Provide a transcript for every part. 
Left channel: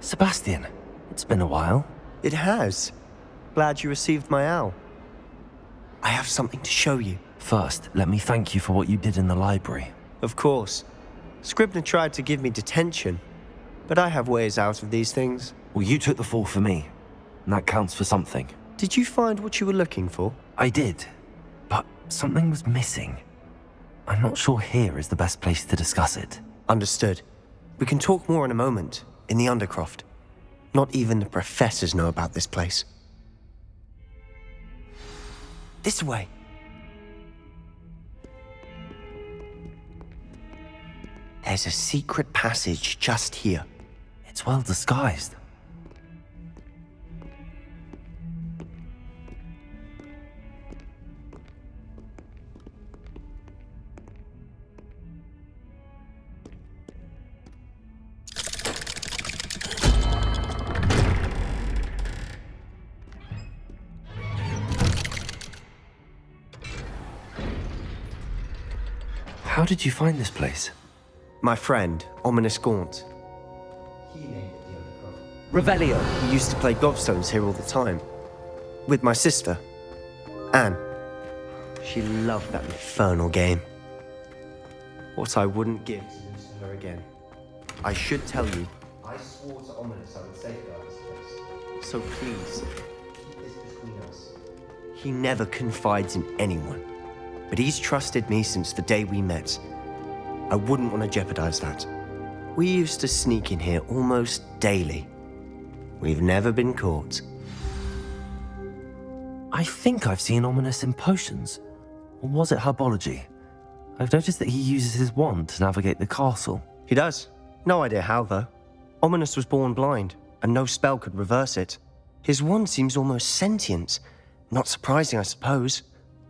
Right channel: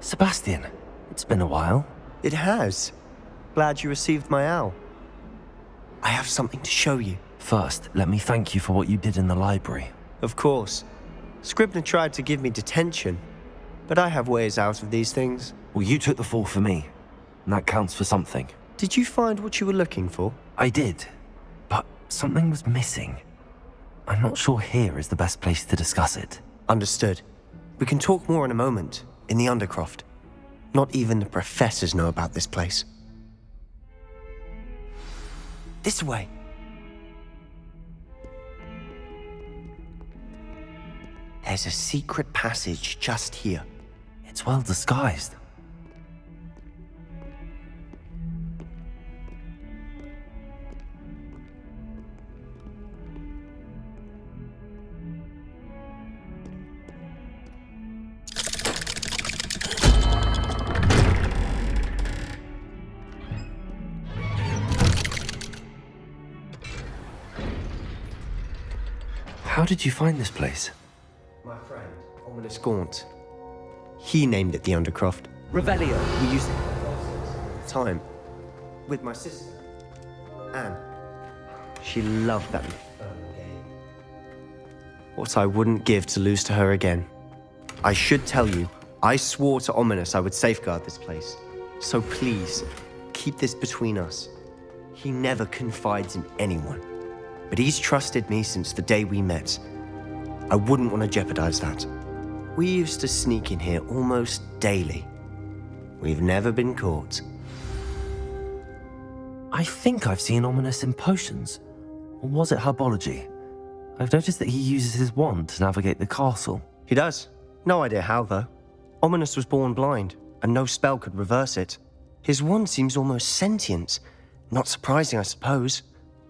Sebastian, it's been a while. It has. Glad you received my owl. I have something to show you. First, let me thank you for what you did in the library. Of course. Scribner tried to give me detention, but I have ways out of these things. Well, you took the fall for me, and that counts for something. Did you find what you were looking for? I did, but something was missing. I'm not sure here is the best place to discuss it. Understood. We can talk more in a moment, in the Undercroft. Not even the professors know about this place. This way. There's a secret passage just here. It's well disguised. How did you find this place? My friend, Ominous Gaunt. He named it the Undercroft. Revelio. We used to play gobstones here all the time. With my sister, Anne. She loved that infernal game. What I wouldn't give to lose to her again. I should tell you, I swore to Ominous I would safeguard this place. So please, keep this between us. He never confides in anyone. But he's trusted me since the day we met. I wouldn't want to jeopardize that. We used to sneak in here almost daily. We've never been caught. I think I've seen Ominous in potions. Or was it herbology? I've noticed that he uses his wand to navigate the castle. He does. No idea how, though. Ominous was born blind, and no spell could reverse it. His wand seems almost sentient. Not surprising, I suppose.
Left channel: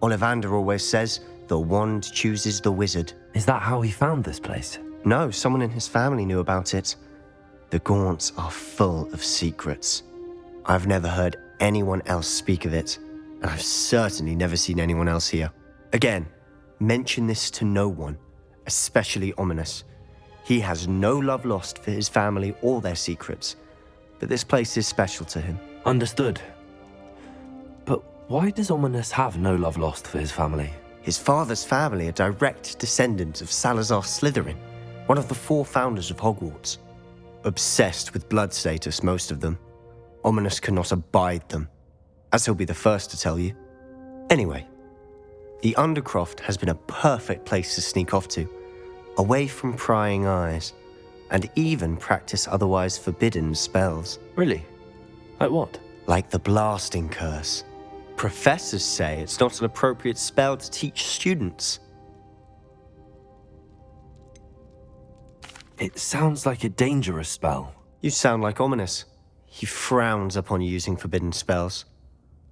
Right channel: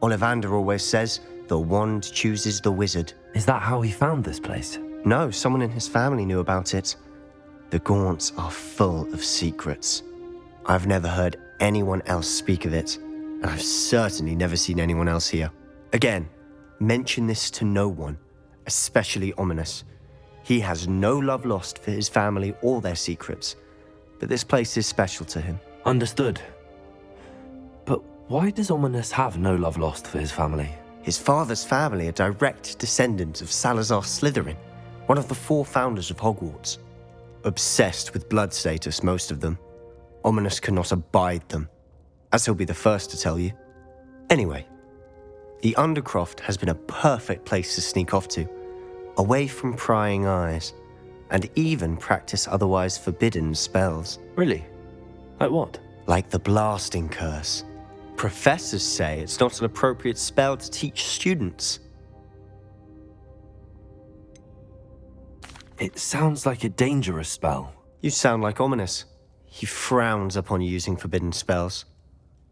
Ollivander always says, the wand chooses the wizard. Is that how he found this place? No, someone in his family knew about it. The Gaunts are full of secrets. I've never heard anyone else speak of it, and I've certainly never seen anyone else here. Again, mention this to no one, especially Ominous. He has no love lost for his family or their secrets, but this place is special to him. Understood. But why does Ominous have no love lost for his family? His father's family are direct descendants of Salazar Slytherin, one of the 4 founders of Hogwarts. Obsessed with blood status, most of them. Ominous cannot abide them, as he'll be the first to tell you. Anyway, the Undercroft has been a perfect place to sneak off to, away from prying eyes, and even practice otherwise forbidden spells. Really? Like what? Like the blasting curse. Professors say it's not an appropriate spell to teach students. It sounds like a dangerous spell. You sound like Ominous. He frowns upon using forbidden spells.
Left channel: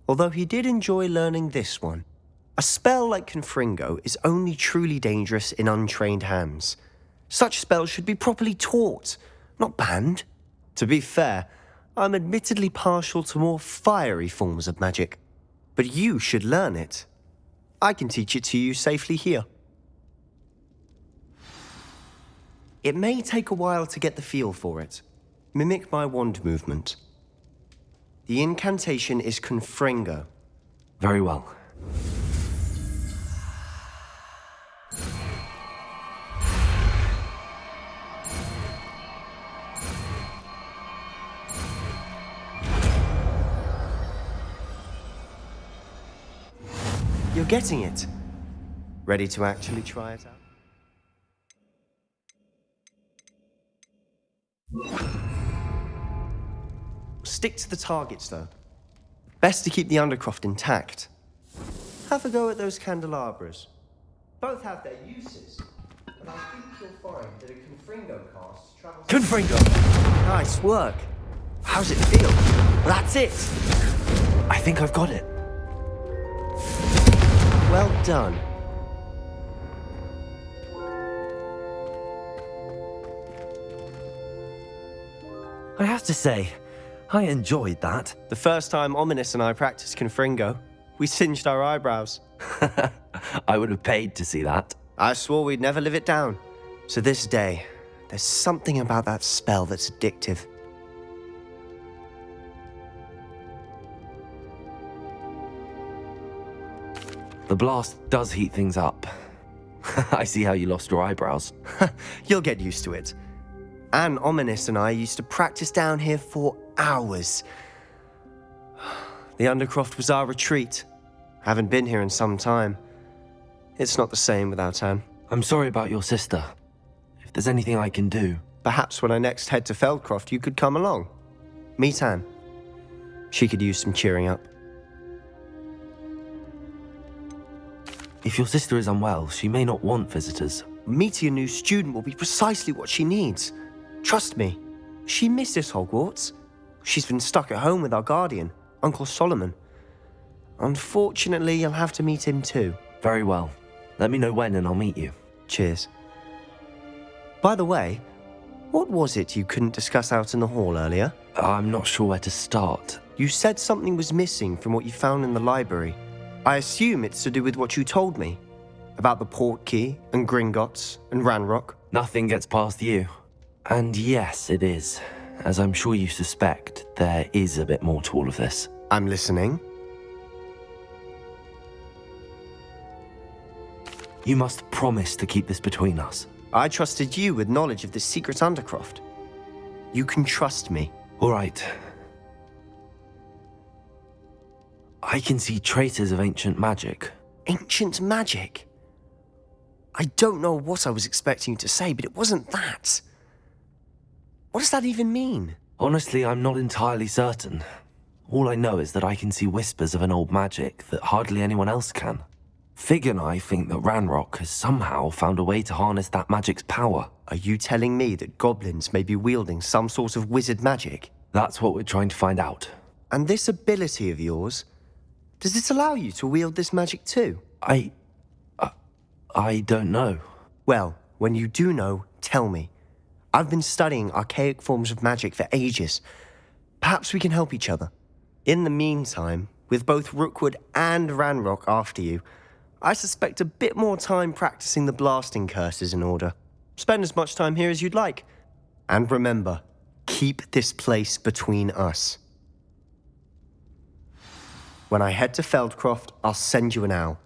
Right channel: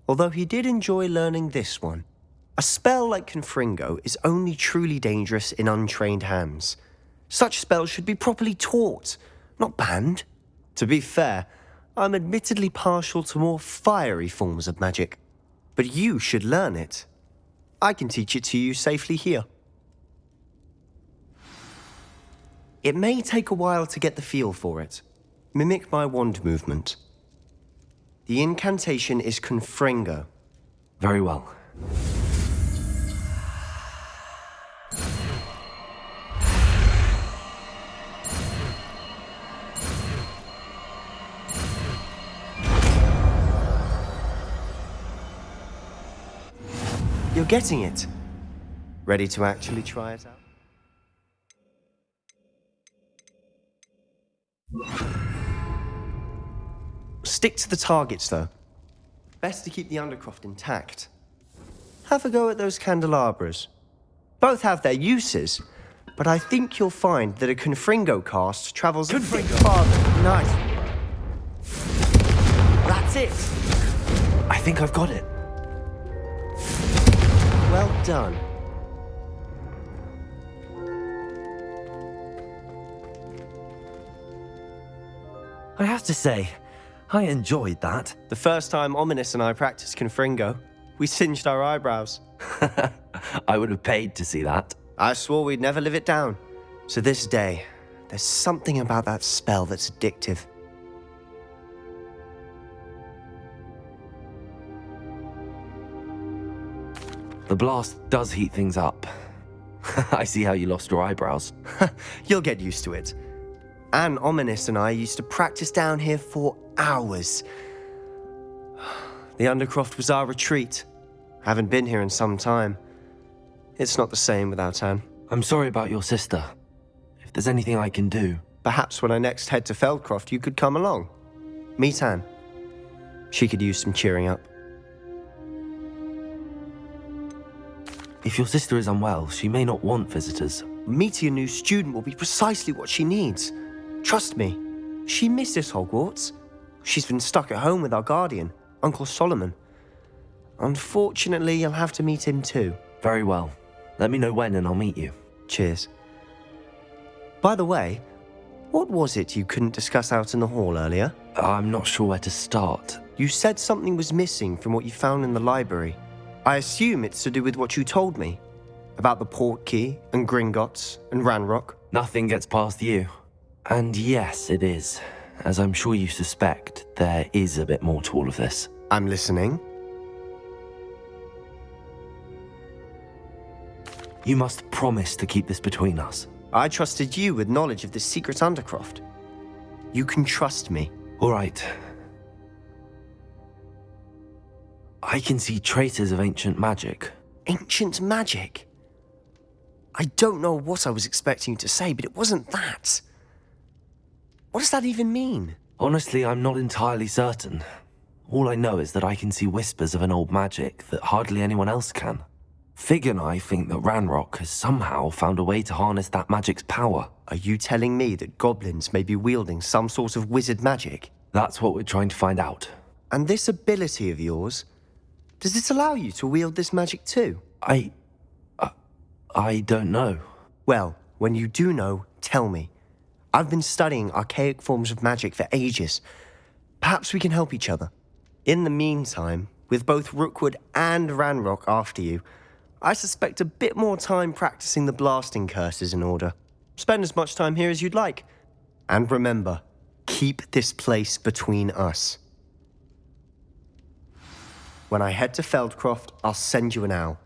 Although he did enjoy learning this one. A spell like Confringo is only truly dangerous in untrained hands. Such spells should be properly taught, not banned. To be fair, I'm admittedly partial to more fiery forms of magic. But you should learn it. I can teach it to you safely here. It may take a while to get the feel for it. Mimic my wand movement. The incantation is Confringo. Very well. You're getting it. Ready to actually try it out? Stick to the targets, though. Best to keep the Undercroft intact. Have a go at those candelabras. Both have their uses, but I think you'll find that a Confringo cast travels... Confringo! Nice work. How's it feel? That's it. I think I've got it. Well done. I have to say, I enjoyed that. The first time Ominous and I practiced Confringo, we singed our eyebrows. I would have paid to see that. I swore we'd never live it down. To this day, there's something about that spell that's addictive. The blast does heat things up. I see how you lost your eyebrows. You'll get used to it. Anne, Ominous and I used to practice down here for hours. The Undercroft was our retreat. Haven't been here in some time. It's not the same without Anne. I'm sorry about your sister. If there's anything I can do... Perhaps when I next head to Feldcroft, you could come along. Meet Anne. She could use some cheering up. If your sister is unwell, she may not want visitors. Meeting a new student will be precisely what she needs. Trust me. She misses Hogwarts. She's been stuck at home with our guardian, Uncle Solomon. Unfortunately, you'll have to meet him too. Very well. Let me know when and I'll meet you. Cheers. By the way, what was it you couldn't discuss out in the hall earlier? I'm not sure where to start. You said something was missing from what you found in the library. I assume it's to do with what you told me. About the Portkey and Gringotts and Ranrock. Nothing gets past you. And yes, it is. As I'm sure you suspect, there is a bit more to all of this. I'm listening. You must promise to keep this between us. I trusted you with knowledge of this secret Undercroft. You can trust me. All right. I can see traces of ancient magic. Ancient magic? I don't know what I was expecting you to say, but it wasn't that. What does that even mean? Honestly, I'm not entirely certain. All I know is that I can see whispers of an old magic that hardly anyone else can. Fig and I think that Ranrock has somehow found a way to harness that magic's power. Are you telling me that goblins may be wielding some sort of wizard magic? That's what we're trying to find out. And this ability of yours, does it allow you to wield this magic too? I don't know. Well, when you do know, tell me. I've been studying archaic forms of magic for ages. Perhaps we can help each other. In the meantime, with both Rookwood and Ranrock after you, I suspect a bit more time practicing the blasting curse is in order. Spend as much time here as you'd like. And remember, keep this place between us. When I head to Feldcroft, I'll send you an owl.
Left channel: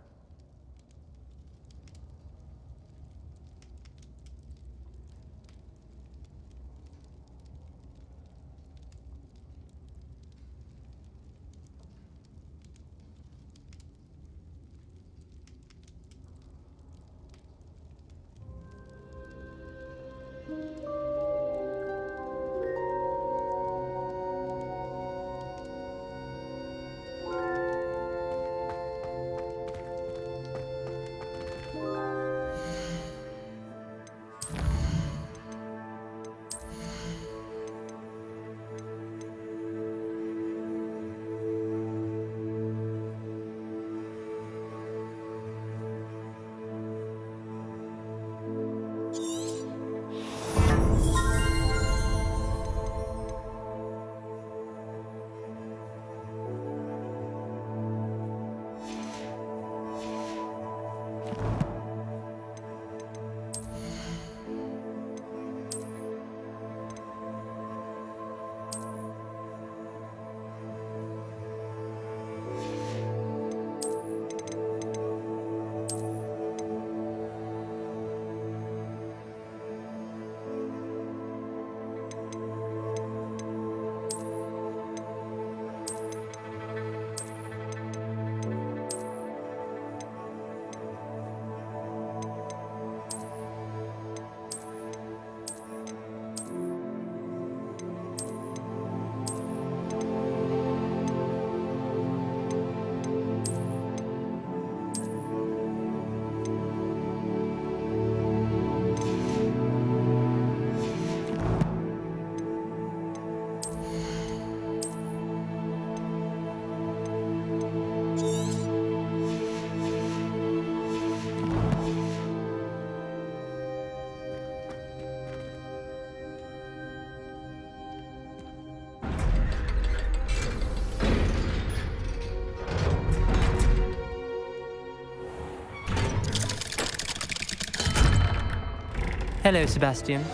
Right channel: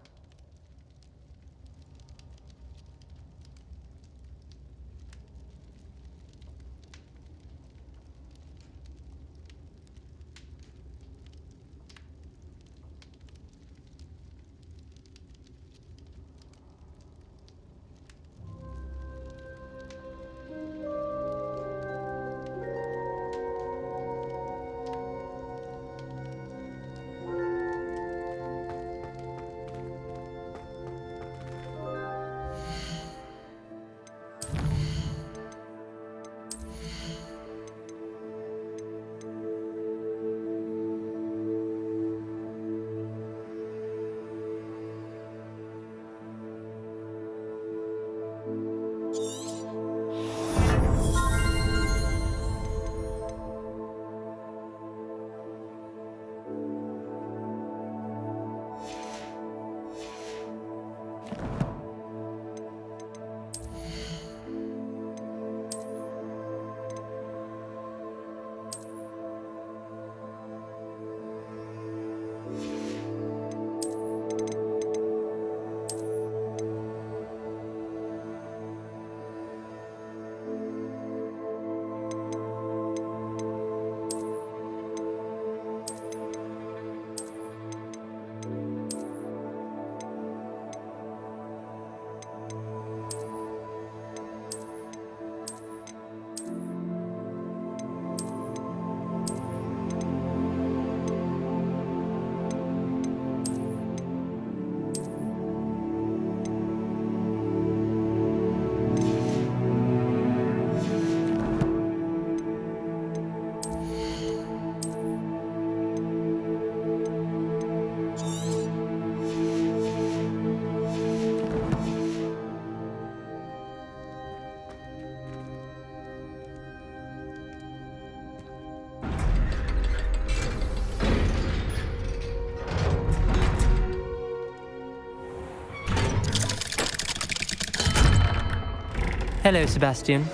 Hello, Sebastian.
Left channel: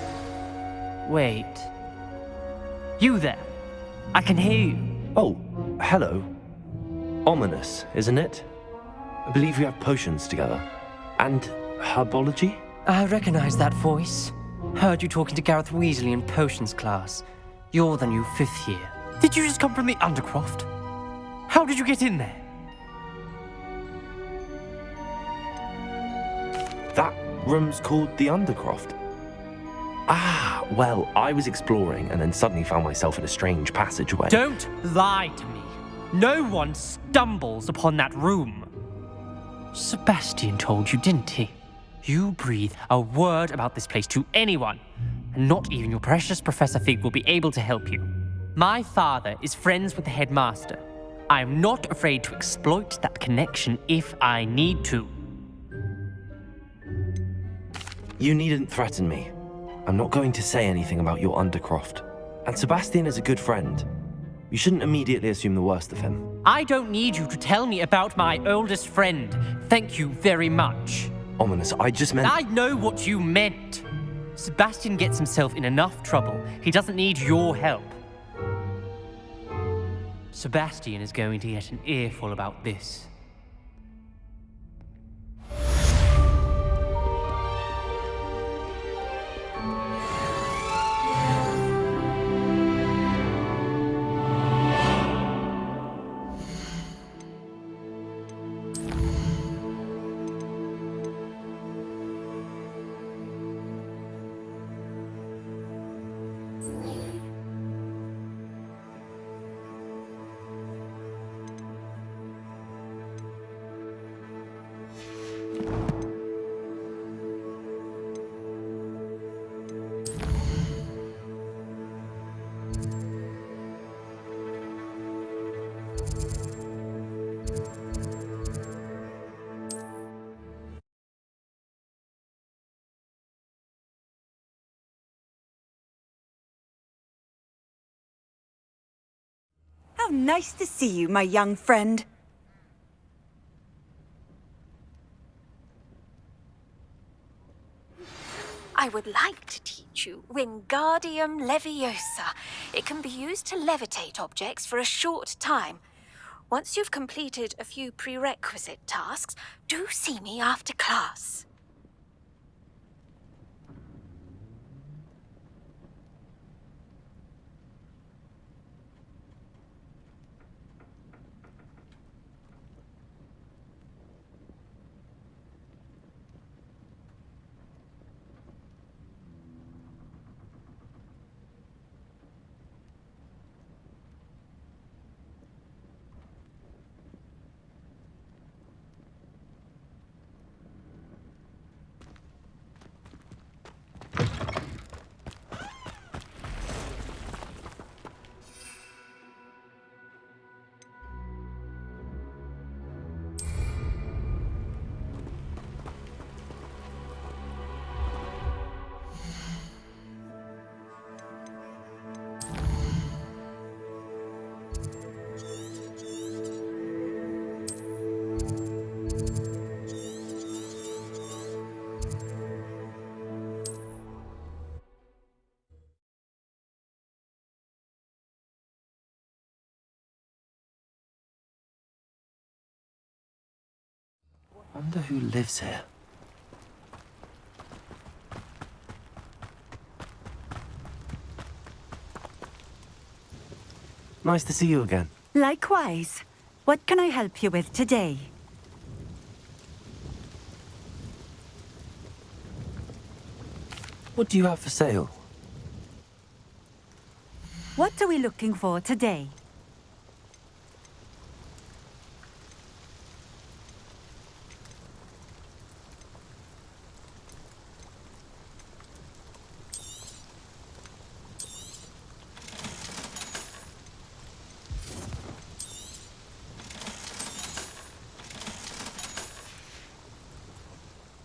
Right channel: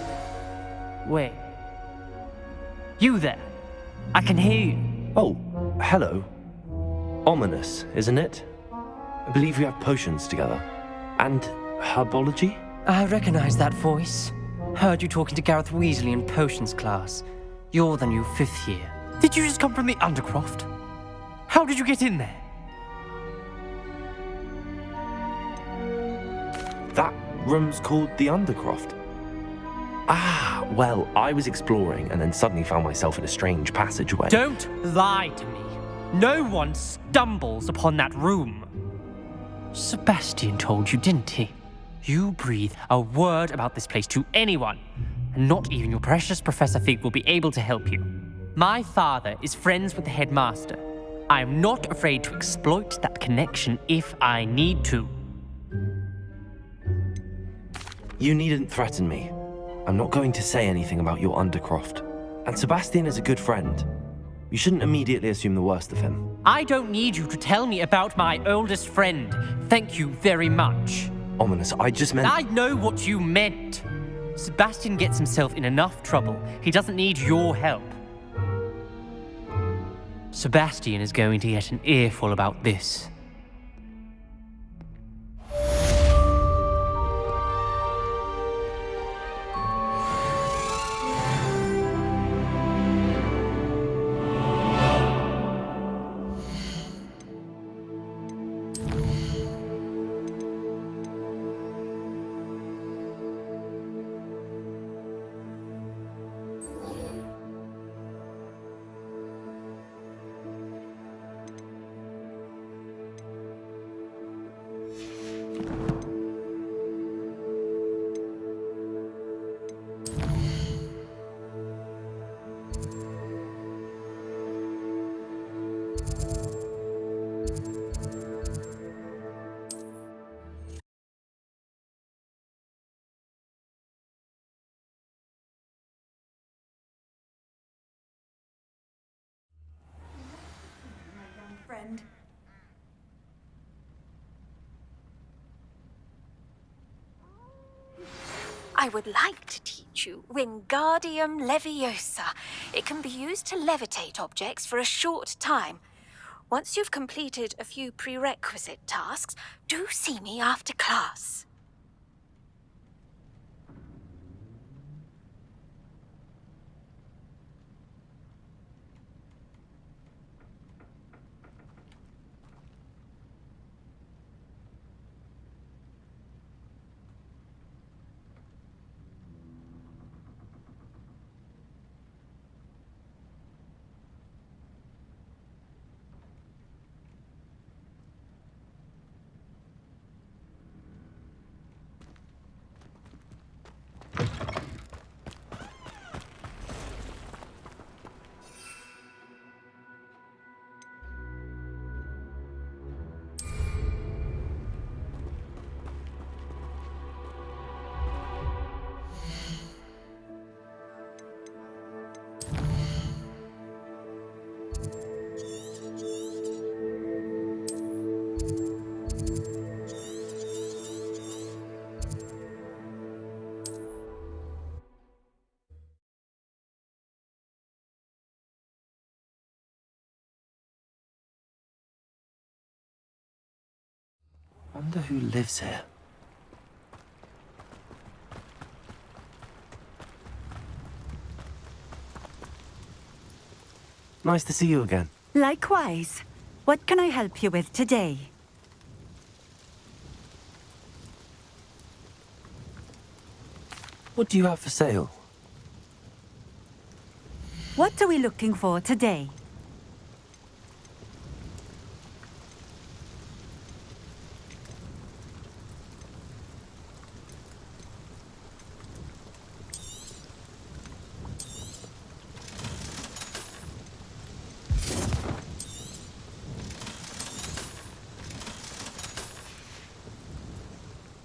Wait. You there? I can hear you. Oh, hello. Ominous, isn't it? I believe we have potions together. And herbology? I recognize that voice. Heard you talking to Gareth Weasley in potions class. You're the new 5th year. Did you just come from the Undercroft? How did you get in there? That room's called the Undercroft. Ah, well, I was exploring and then suddenly found myself in a strange passageway. Don't lie to me. No one stumbles upon that room. Sebastian told you, didn't he? You breathe a word about this place to anyone, and not even your precious Professor Fig will be able to help you. My father is friends with the headmaster. I am not afraid to exploit that connection if I need to. You needn't threaten me. I'm not going to say anything about your Undercroft. And Sebastian is a good friend. You shouldn't immediately assume the worst of him. I don't need you to tell me about my oldest friend. Thank you very much. Ominous, I just meant... I know what you meant. Sebastian gets himself in enough trouble. He doesn't need your help. Sebastian is going to get an earful about this. How nice to see you, my young friend. I would like to teach you Wingardium Leviosa. It can be used to levitate objects for a short time. Once you've completed a few prerequisite tasks, do see me after class. Wonder who lives here. Nice to see you again. Likewise. What can I help you with today? What do you have for sale? What are we looking for today?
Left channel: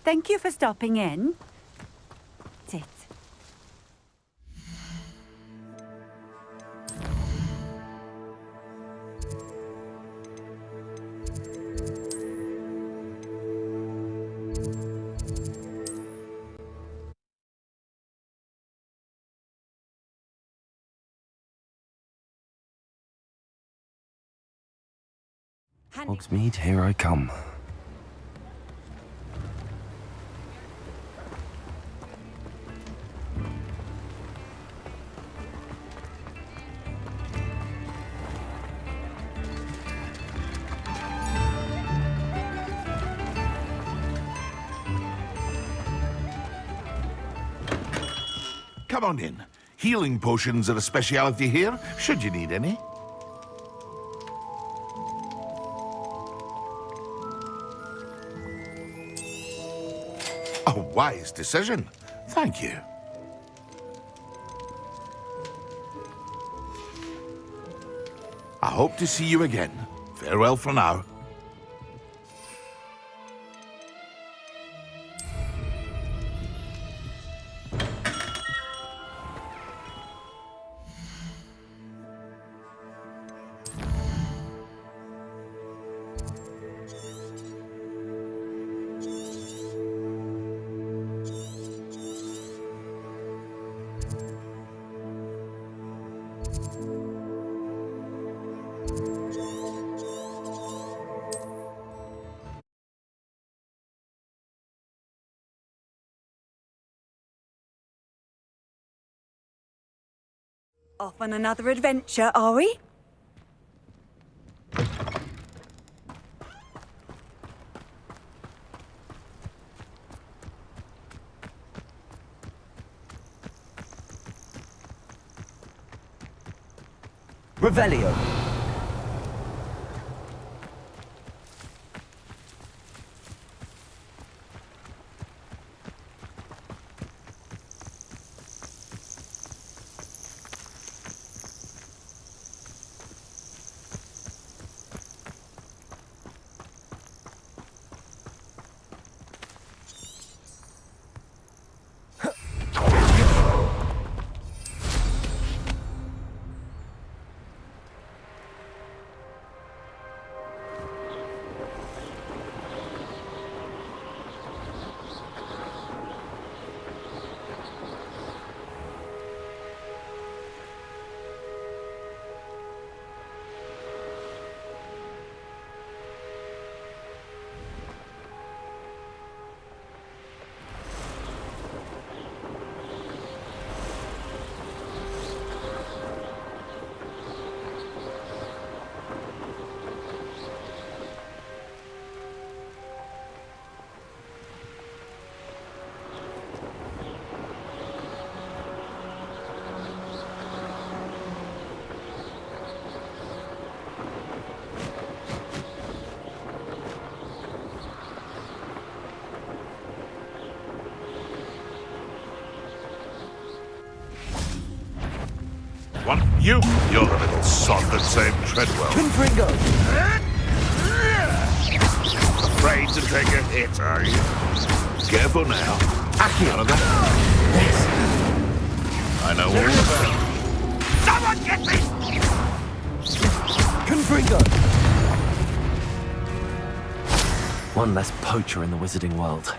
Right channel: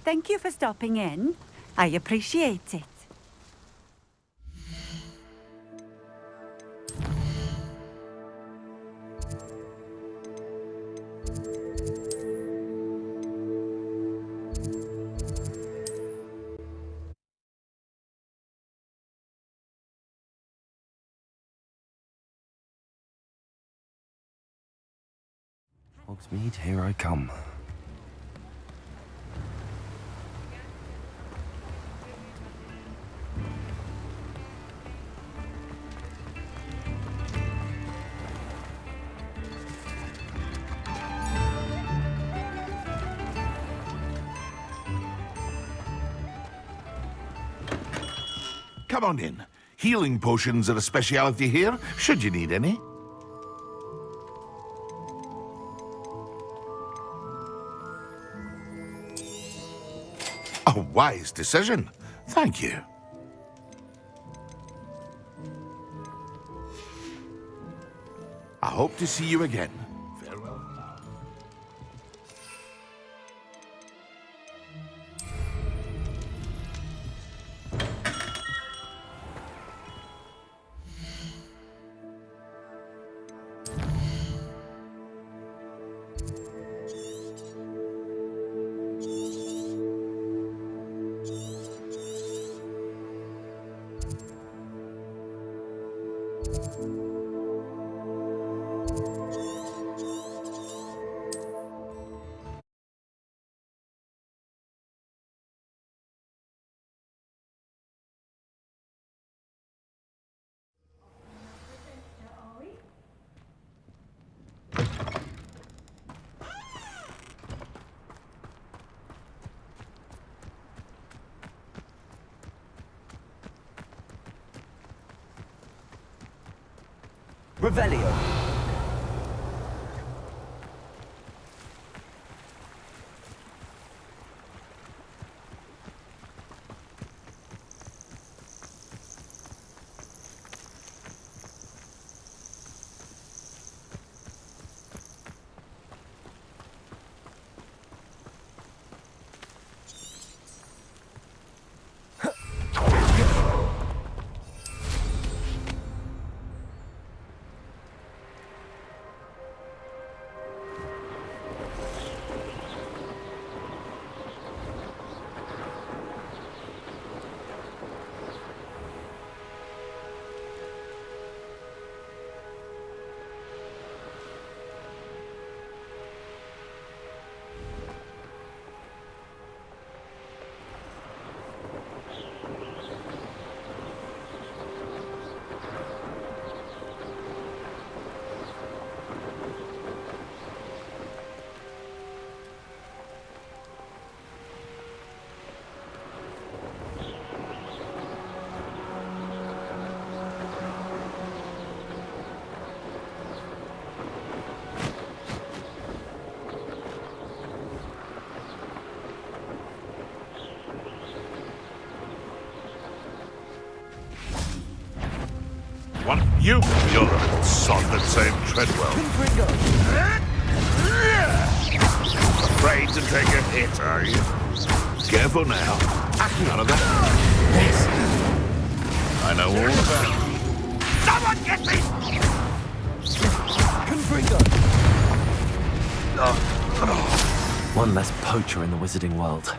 Thank you for stopping in. I appreciate it. Hogsmeade, here I come. Come on in. Healing potions are a speciality here, should you need any. A wise decision. Thank you. I hope to see you again. Farewell for now. Off on another adventure, are we? Revelio. You're the little sod that saved Treadwell. Confringo. Afraid to take a hit, are you? Careful now. None of that. Yes. I know all about it. Someone get me! Confringo. One less poacher in the wizarding world.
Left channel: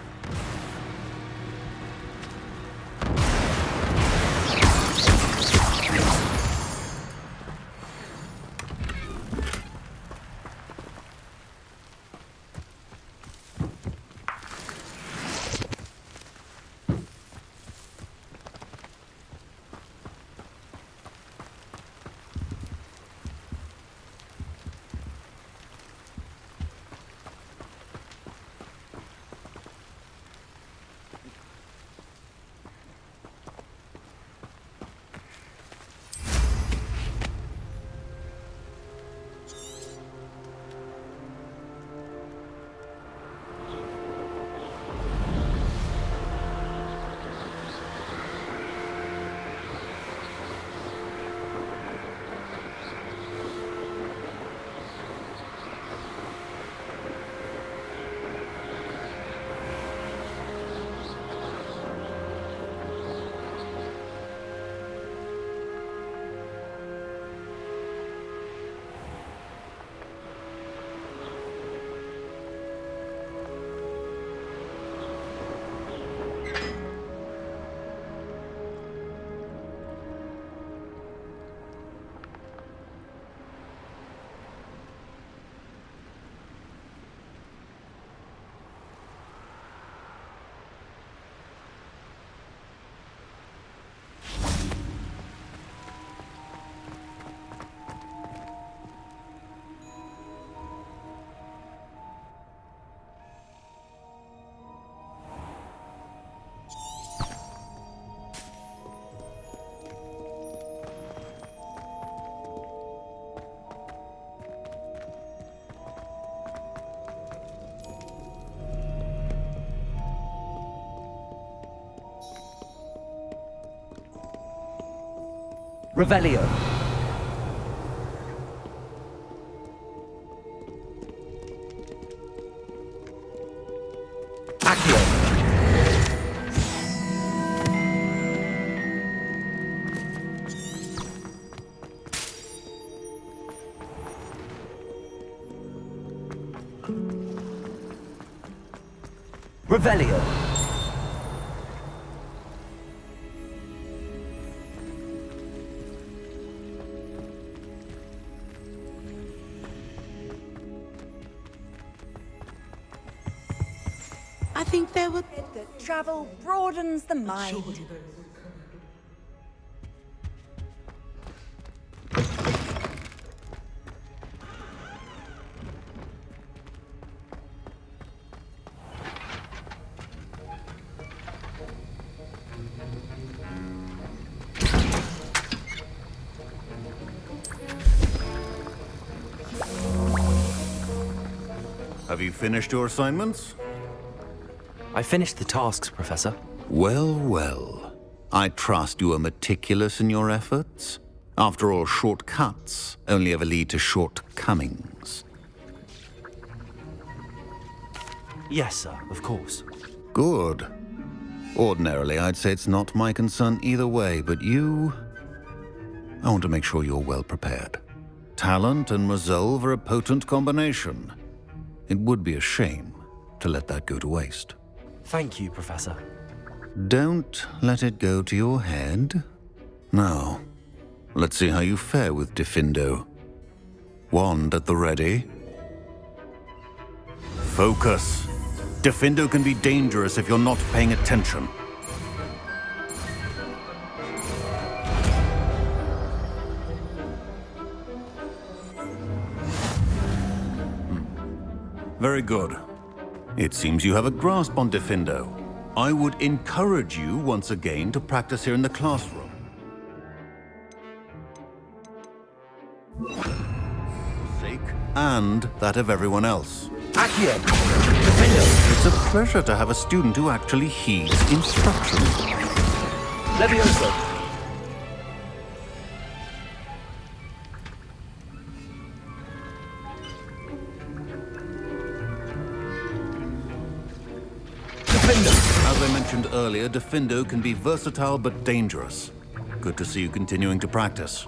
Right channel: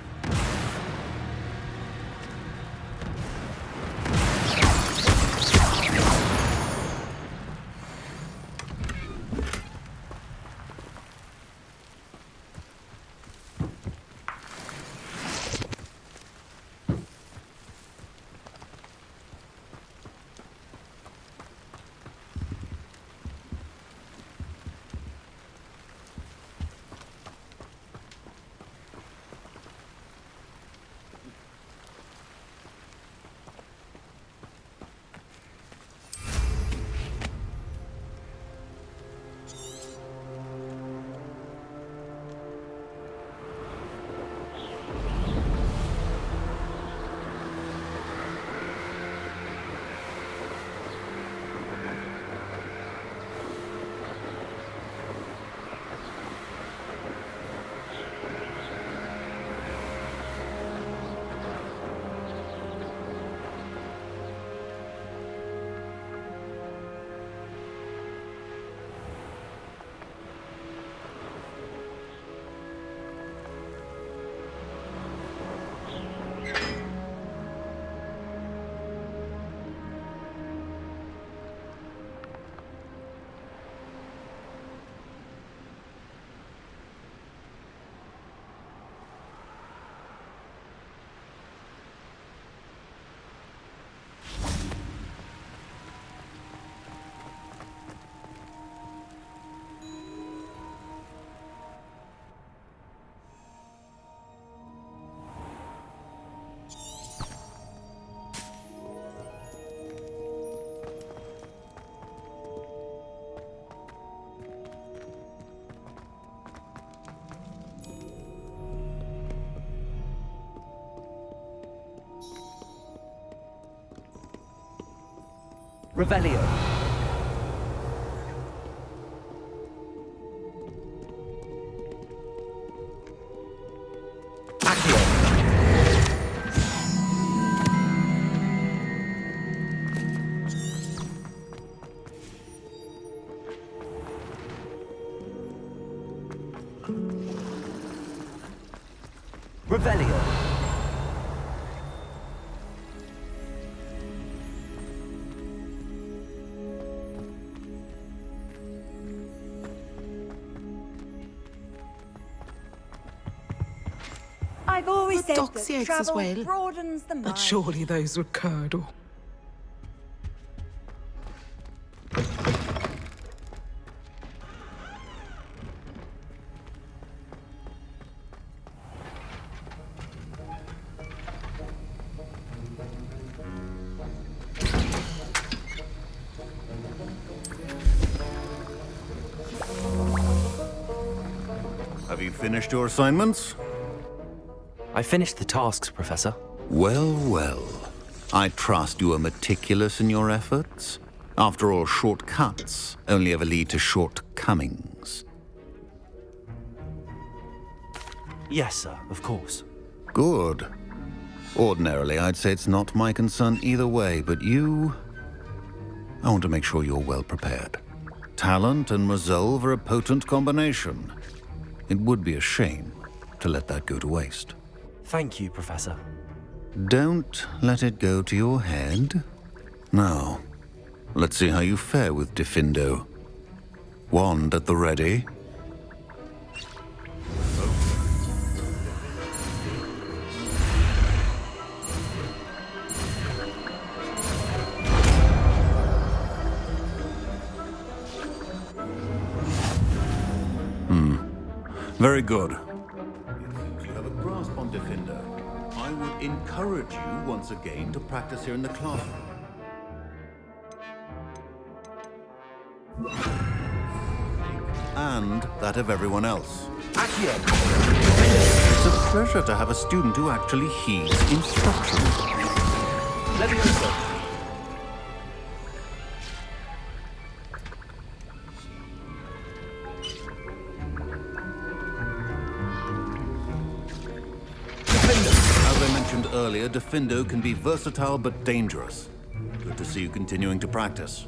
Revelio. Accio. Revelio. I think there were doxiates as travel well. broadens the But mind. surely those were curdle. Have you finished your assignments? I finished the tasks, Professor. Well, well. I trust you are meticulous in your efforts. After all, shortcuts only ever lead to shortcomings. Yes, sir, of course. Good. Ordinarily, I'd say it's not my concern either way, but you... I want to make sure you're well prepared. Talent and resolve are a potent combination. It would be a shame to let that go to waste. Thank you, Professor. Don't let it go to your head. Now, let's see how you fare with Diffindo. Wand at the ready. Focus. Diffindo can be dangerous if you're not paying attention. Very good. It seems you have a grasp on Diffindo. I would encourage you once again to practice here in the classroom. And that of everyone else. Accio. It's a pleasure to have a student who actually heeds instruction. Levioso. As I mentioned earlier, Diffindo can be versatile but dangerous. Good to see you continuing to practice.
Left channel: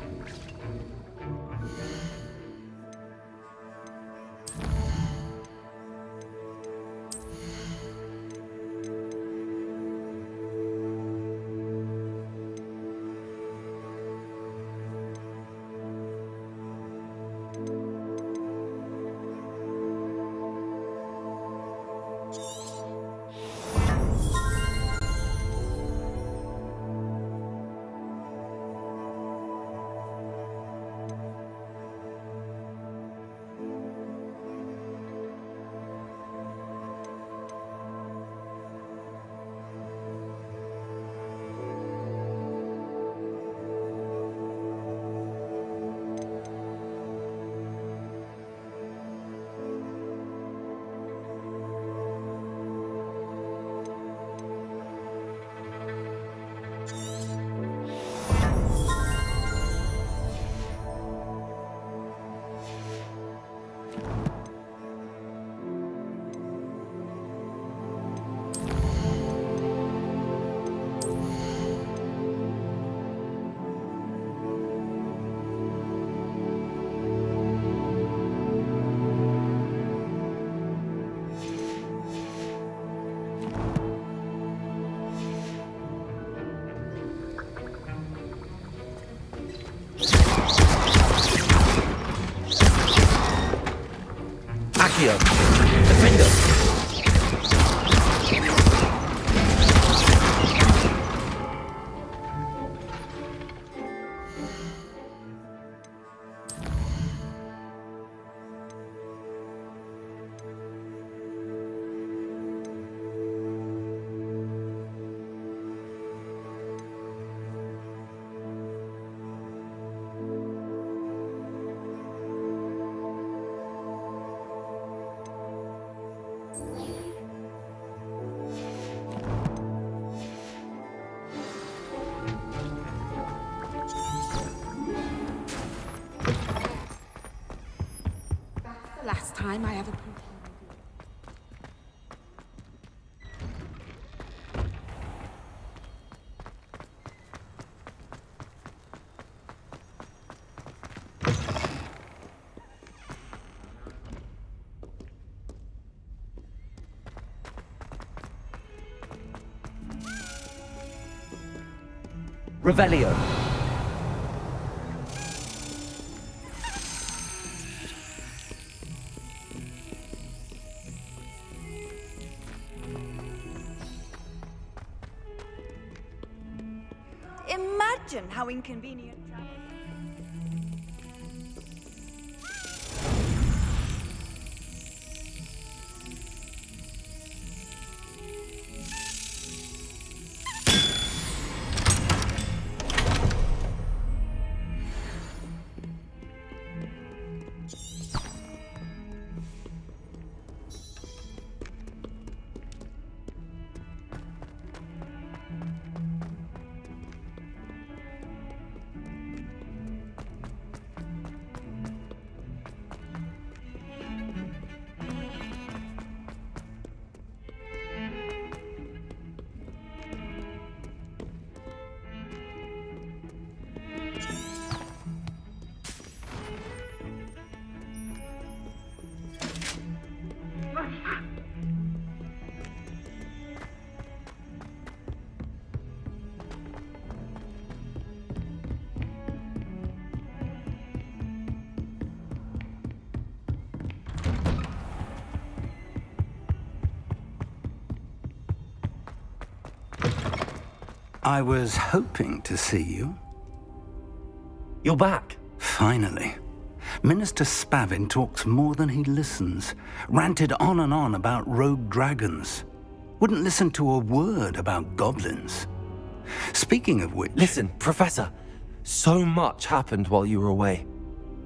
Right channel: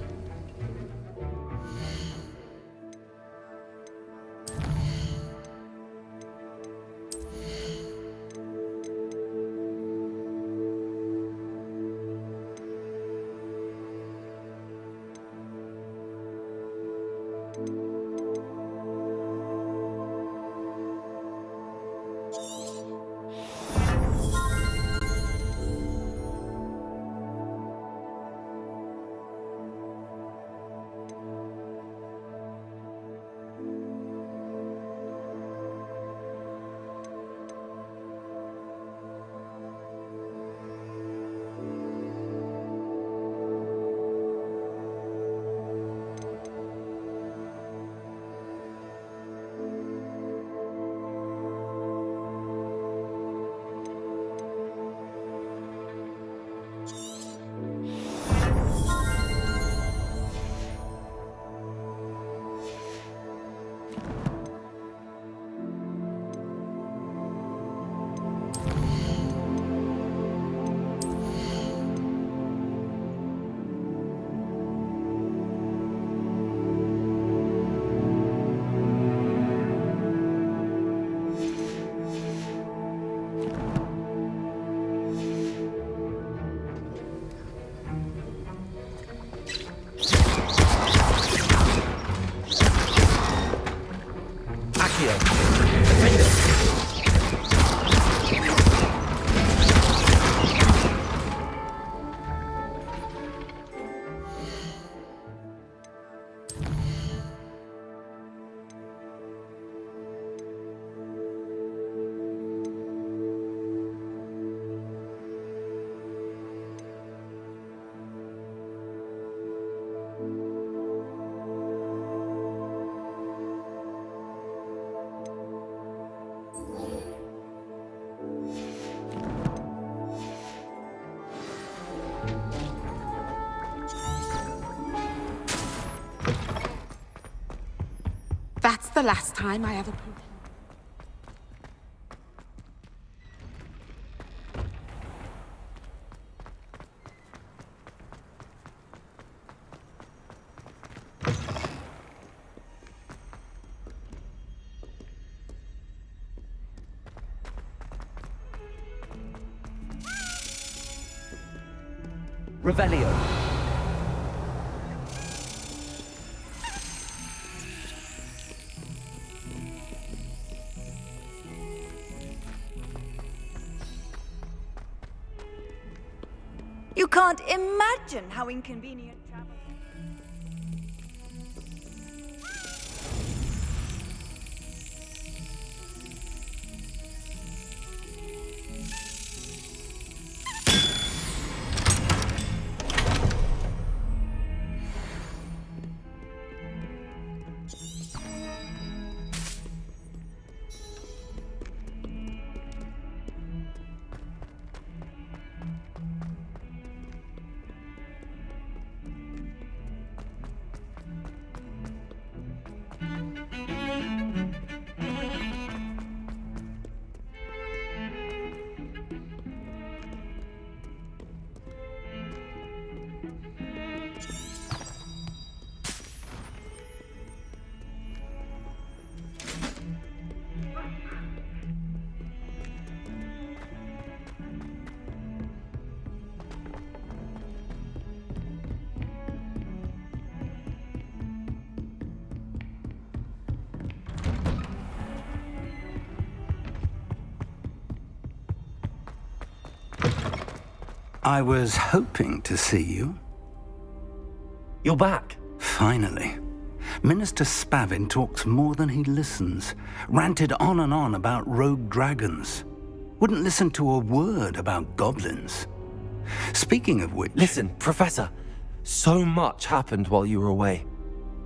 Accio. Defender. the last time I ever pooped. Revelio. You can't imagine how inconvenient travel. I was hoping to see you. You're back. Finally. Minister Spavin talks more than he listens. Ranted on and on about rogue dragons. Wouldn't listen to a word about goblins. Speaking of which... Listen, Professor. So much happened while you were away.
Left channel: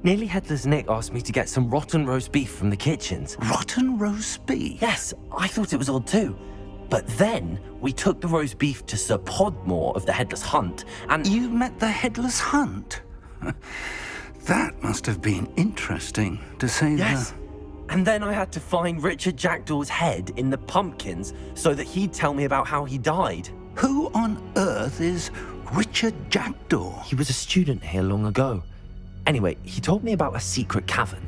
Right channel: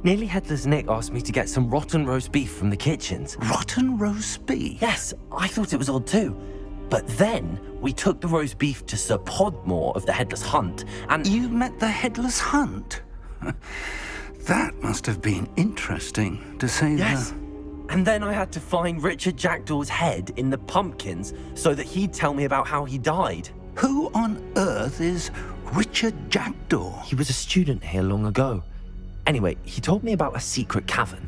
Nearly Headless Nick asked me to get some rotten roast beef from the kitchens. Rotten roast beef? Yes, I thought it was odd too. But then we took the roast beef to Sir Podmore of the Headless Hunt, and... You met the Headless Hunt? That must have been interesting, to say Yes. the... And then I had to find Richard Jackdaw's head in the pumpkins so that he'd tell me about how he died. Who on earth is Richard Jackdaw? He was a student here long ago. Anyway, he told me about a secret cavern.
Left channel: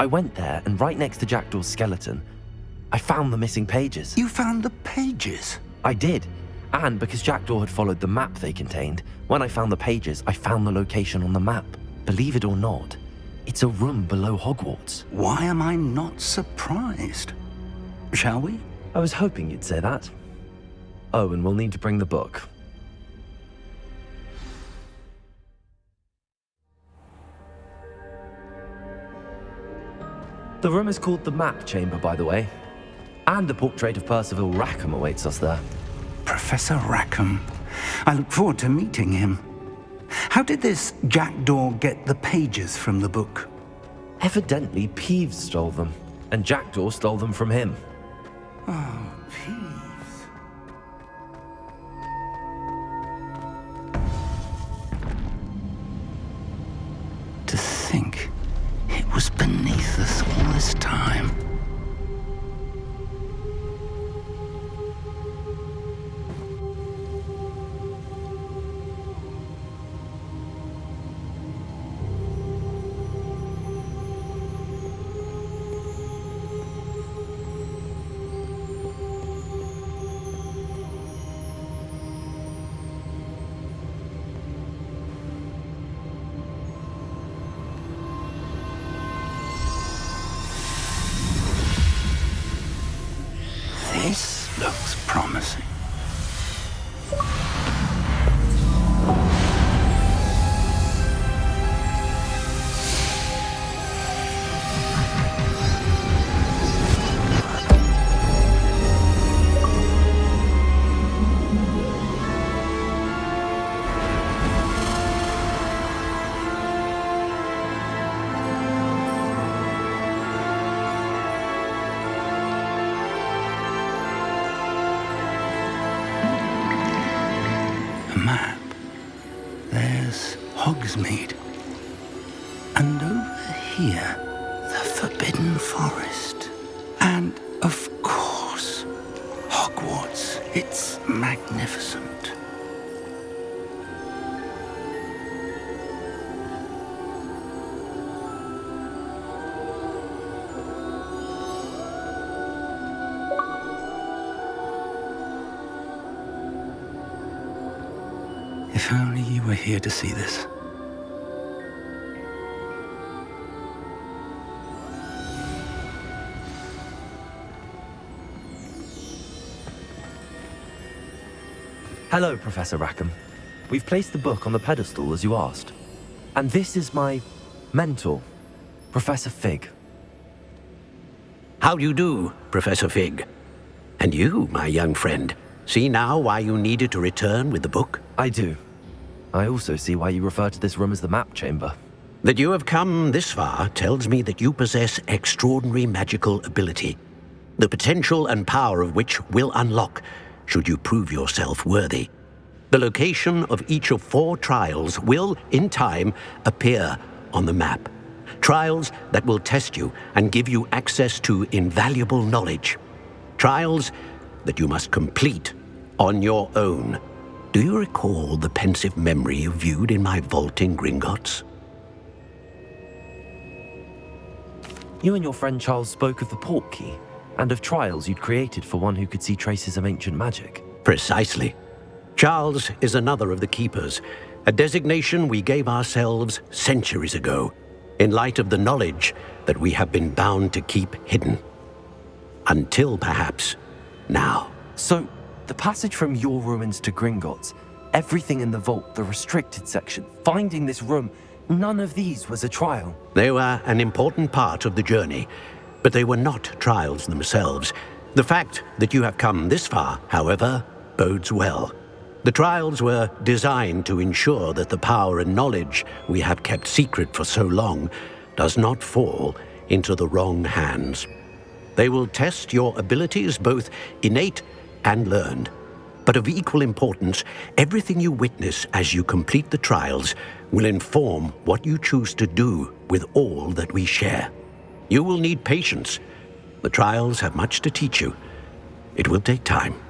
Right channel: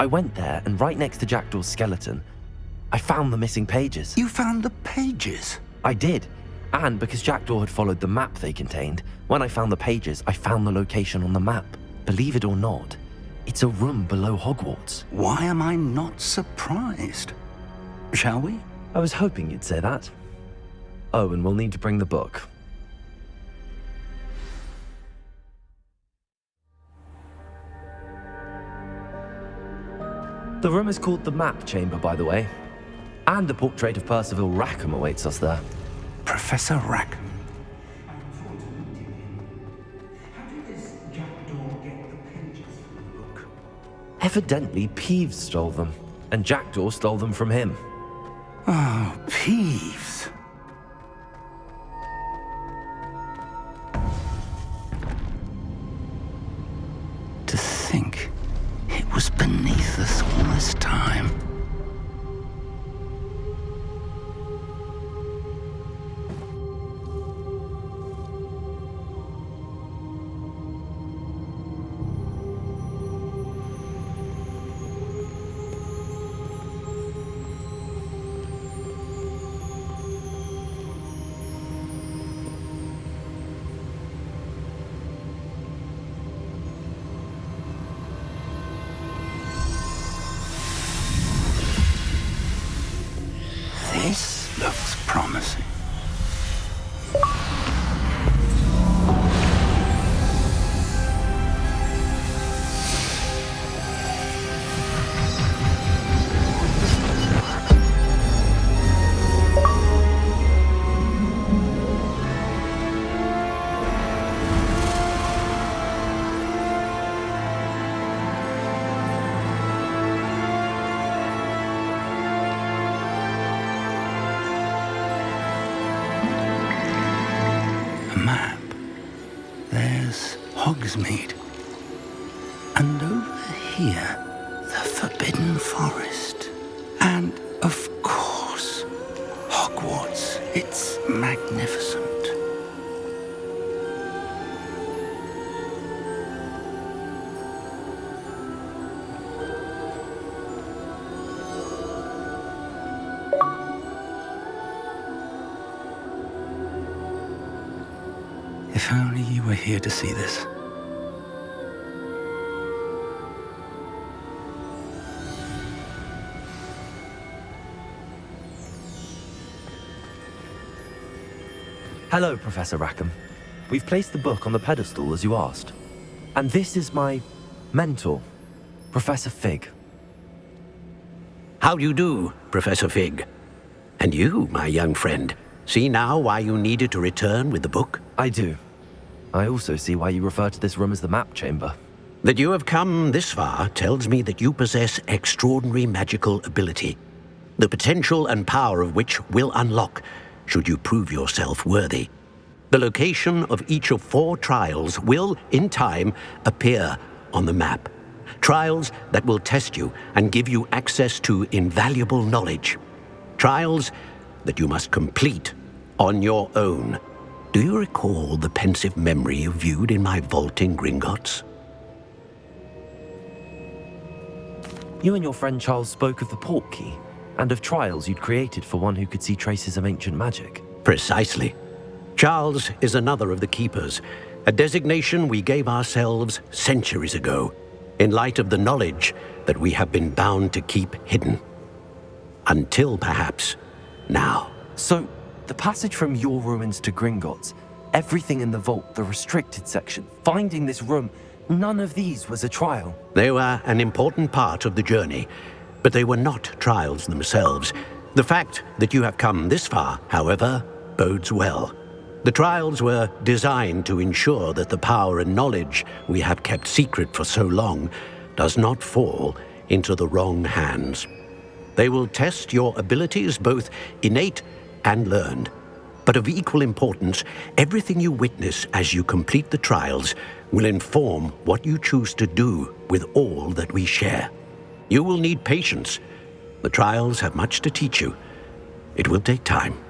I went there, and right next to Jackdaw's skeleton, I found the missing pages. You found the pages? I did. And because Jackdaw had followed the map they contained, when I found the pages, I found the location on the map. Believe it or not, it's a room below Hogwarts. Why am I not surprised? Shall we? I was hoping you'd say that. Oh, and we'll need to bring the book. The room is called the Map Chamber, by the way. And a portrait of Percival Rackham awaits us there. Professor Rackham. I look forward to meeting him. How did this Jackdaw get the pages from the book? Evidently, Peeves stole them, and Jackdaw stole them from him. Oh, Peeves. To think it was beneath us all this time. This looks promising. Map. There's Hogsmeade. And over here, the Forbidden magnificent. If only you were here to see this. Hello, Professor Rackham. We've placed the book on the pedestal as you asked. And this is my mentor, Professor Fig. How do you do, Professor Fig? And you, my young friend, see now why you needed to return with the book? I do. I also see why you refer to this room as the map chamber. That you have come this far tells me that you possess extraordinary magical ability, the potential and power of which will unlock should you prove yourself worthy. The location of each of 4 trials will, in time, appear on the map. Trials that will test you and give you access to invaluable knowledge. Trials that you must complete on your own. Do you recall the pensive memory you viewed in my vault in Gringotts? You and your friend Charles spoke of the port key, and of trials you'd created for one who could see traces of ancient magic. Precisely. Charles is another of the Keepers, a designation we gave ourselves centuries ago, in light of the knowledge that we have been bound to keep hidden. Until, perhaps, now. So, the passage from your ruins to Gringotts, everything in the vault, the restricted section, finding this room, none of these was a trial. They were an important part of the journey, but they were not trials themselves. The fact that you have come this far, however, bodes well. The trials were designed to ensure that the power and knowledge we have kept secret for so long does not fall into the wrong hands. They will test your abilities, both innate and learned. But of equal importance, everything you witness as you complete the trials will inform what you choose to do with all that we share. You will need patience. The trials have much to teach you. It will take time.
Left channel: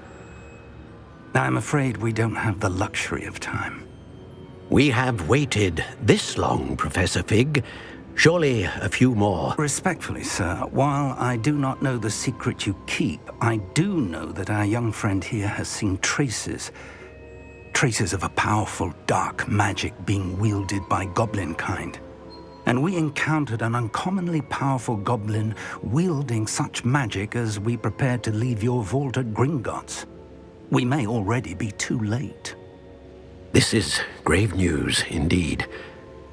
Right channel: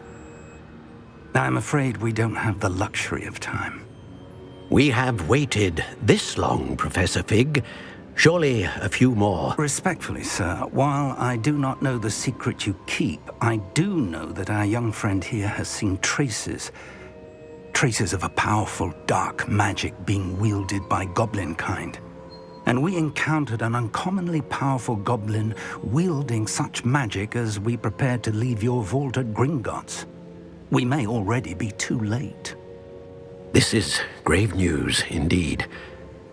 I'm afraid we don't have the luxury of time. We have waited this long, Professor Fig. Surely a few more. Respectfully, sir, while I do not know the secret you keep, I do know that our young friend here has seen traces of a powerful dark magic being wielded by goblin kind. And we encountered an uncommonly powerful goblin wielding such magic as we prepared to leave your vault at Gringotts. We may already be too late. This is grave news indeed.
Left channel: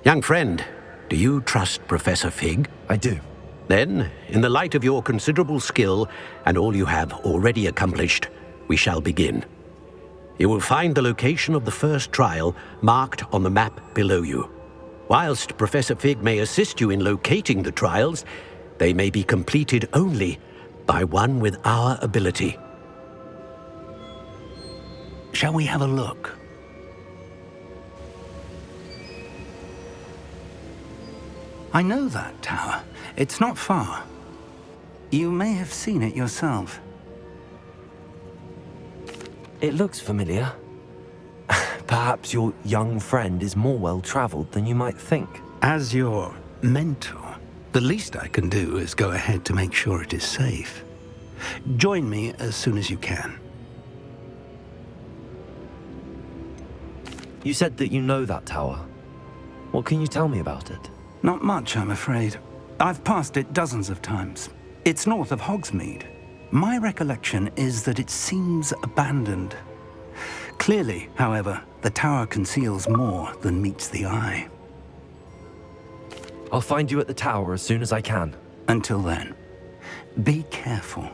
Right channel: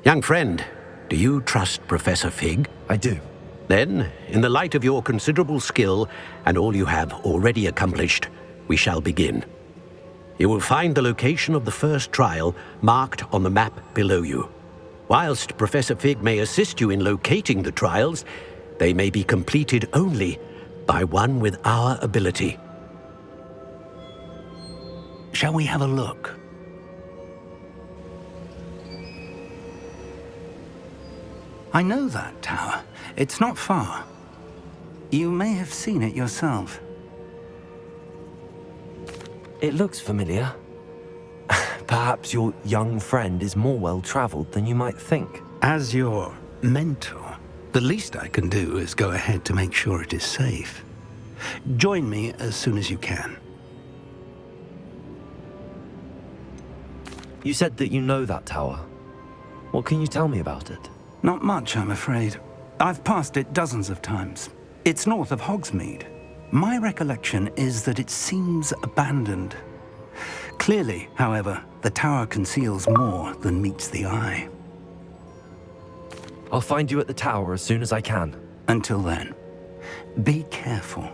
Young friend, do you trust Professor Fig? I do. Then, in the light of your considerable skill and all you have already accomplished, we shall begin. You will find the location of the first trial marked on the map below you. Whilst Professor Fig may assist you in locating the trials, they may be completed only by one with our ability. Shall we have a look? I know that tower. It's not far. You may have seen it yourself. It looks familiar. Perhaps your young friend is more well-traveled than you might think. As your mentor, the least I can do is go ahead to make sure it is safe. Join me as soon as you can. You said that you know that tower. What can you tell me about it? Not much, I'm afraid. I've passed it dozens of times. It's north of Hogsmeade. My recollection is that it seems abandoned. Clearly, however, the tower conceals more than meets the eye. I'll find you at the tower as soon as I can. Until then, be careful,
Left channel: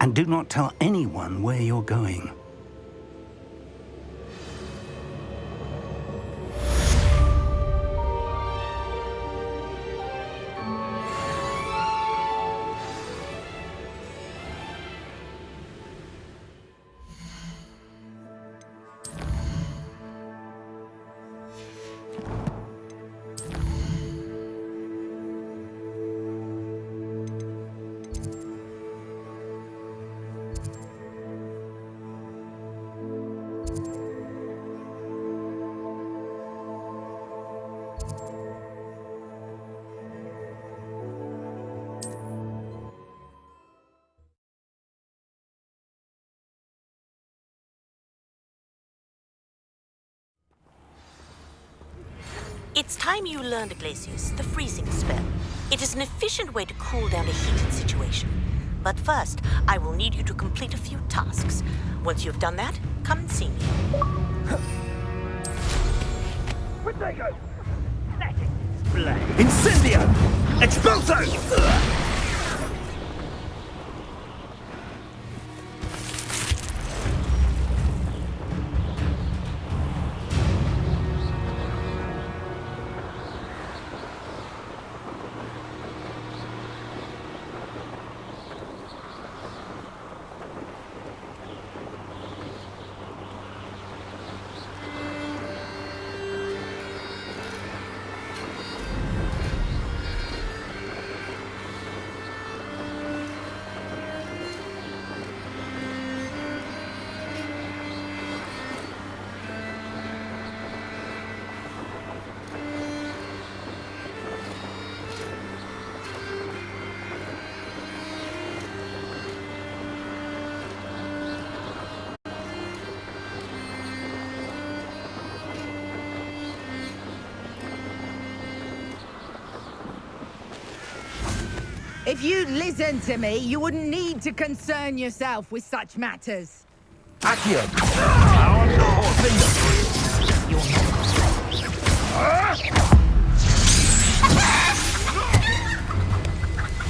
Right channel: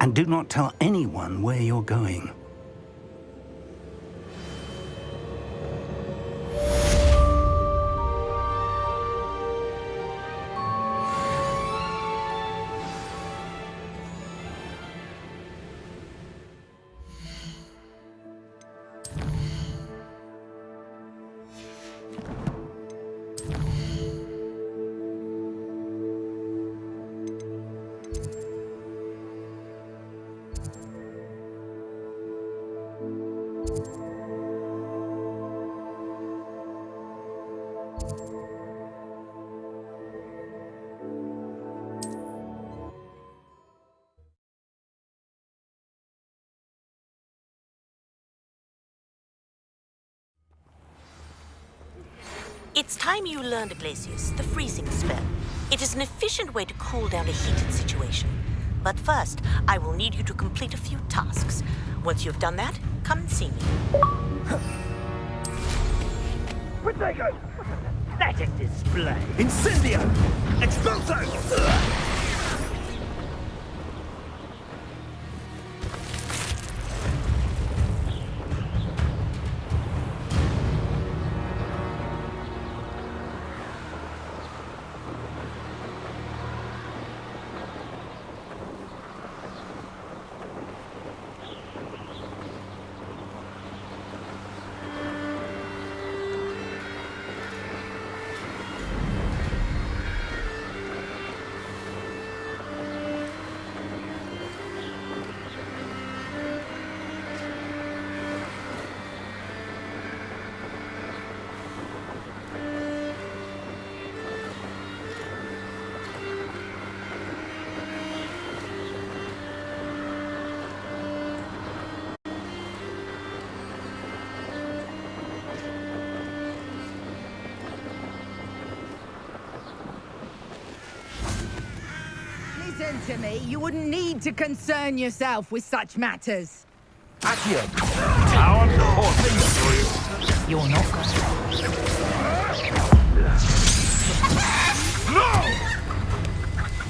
and do not tell anyone where you're going. It's time you learned Glacius, the freezing spell. It is an efficient way to cool down a heated situation. But first, I will need you to complete a few tasks. Once you've done that, come and see me. Protego! Pathetic display! Incendio! Expulso! If you'd listen to me, you wouldn't need to concern yourself with such matters. Accio! Our finger! You're not going.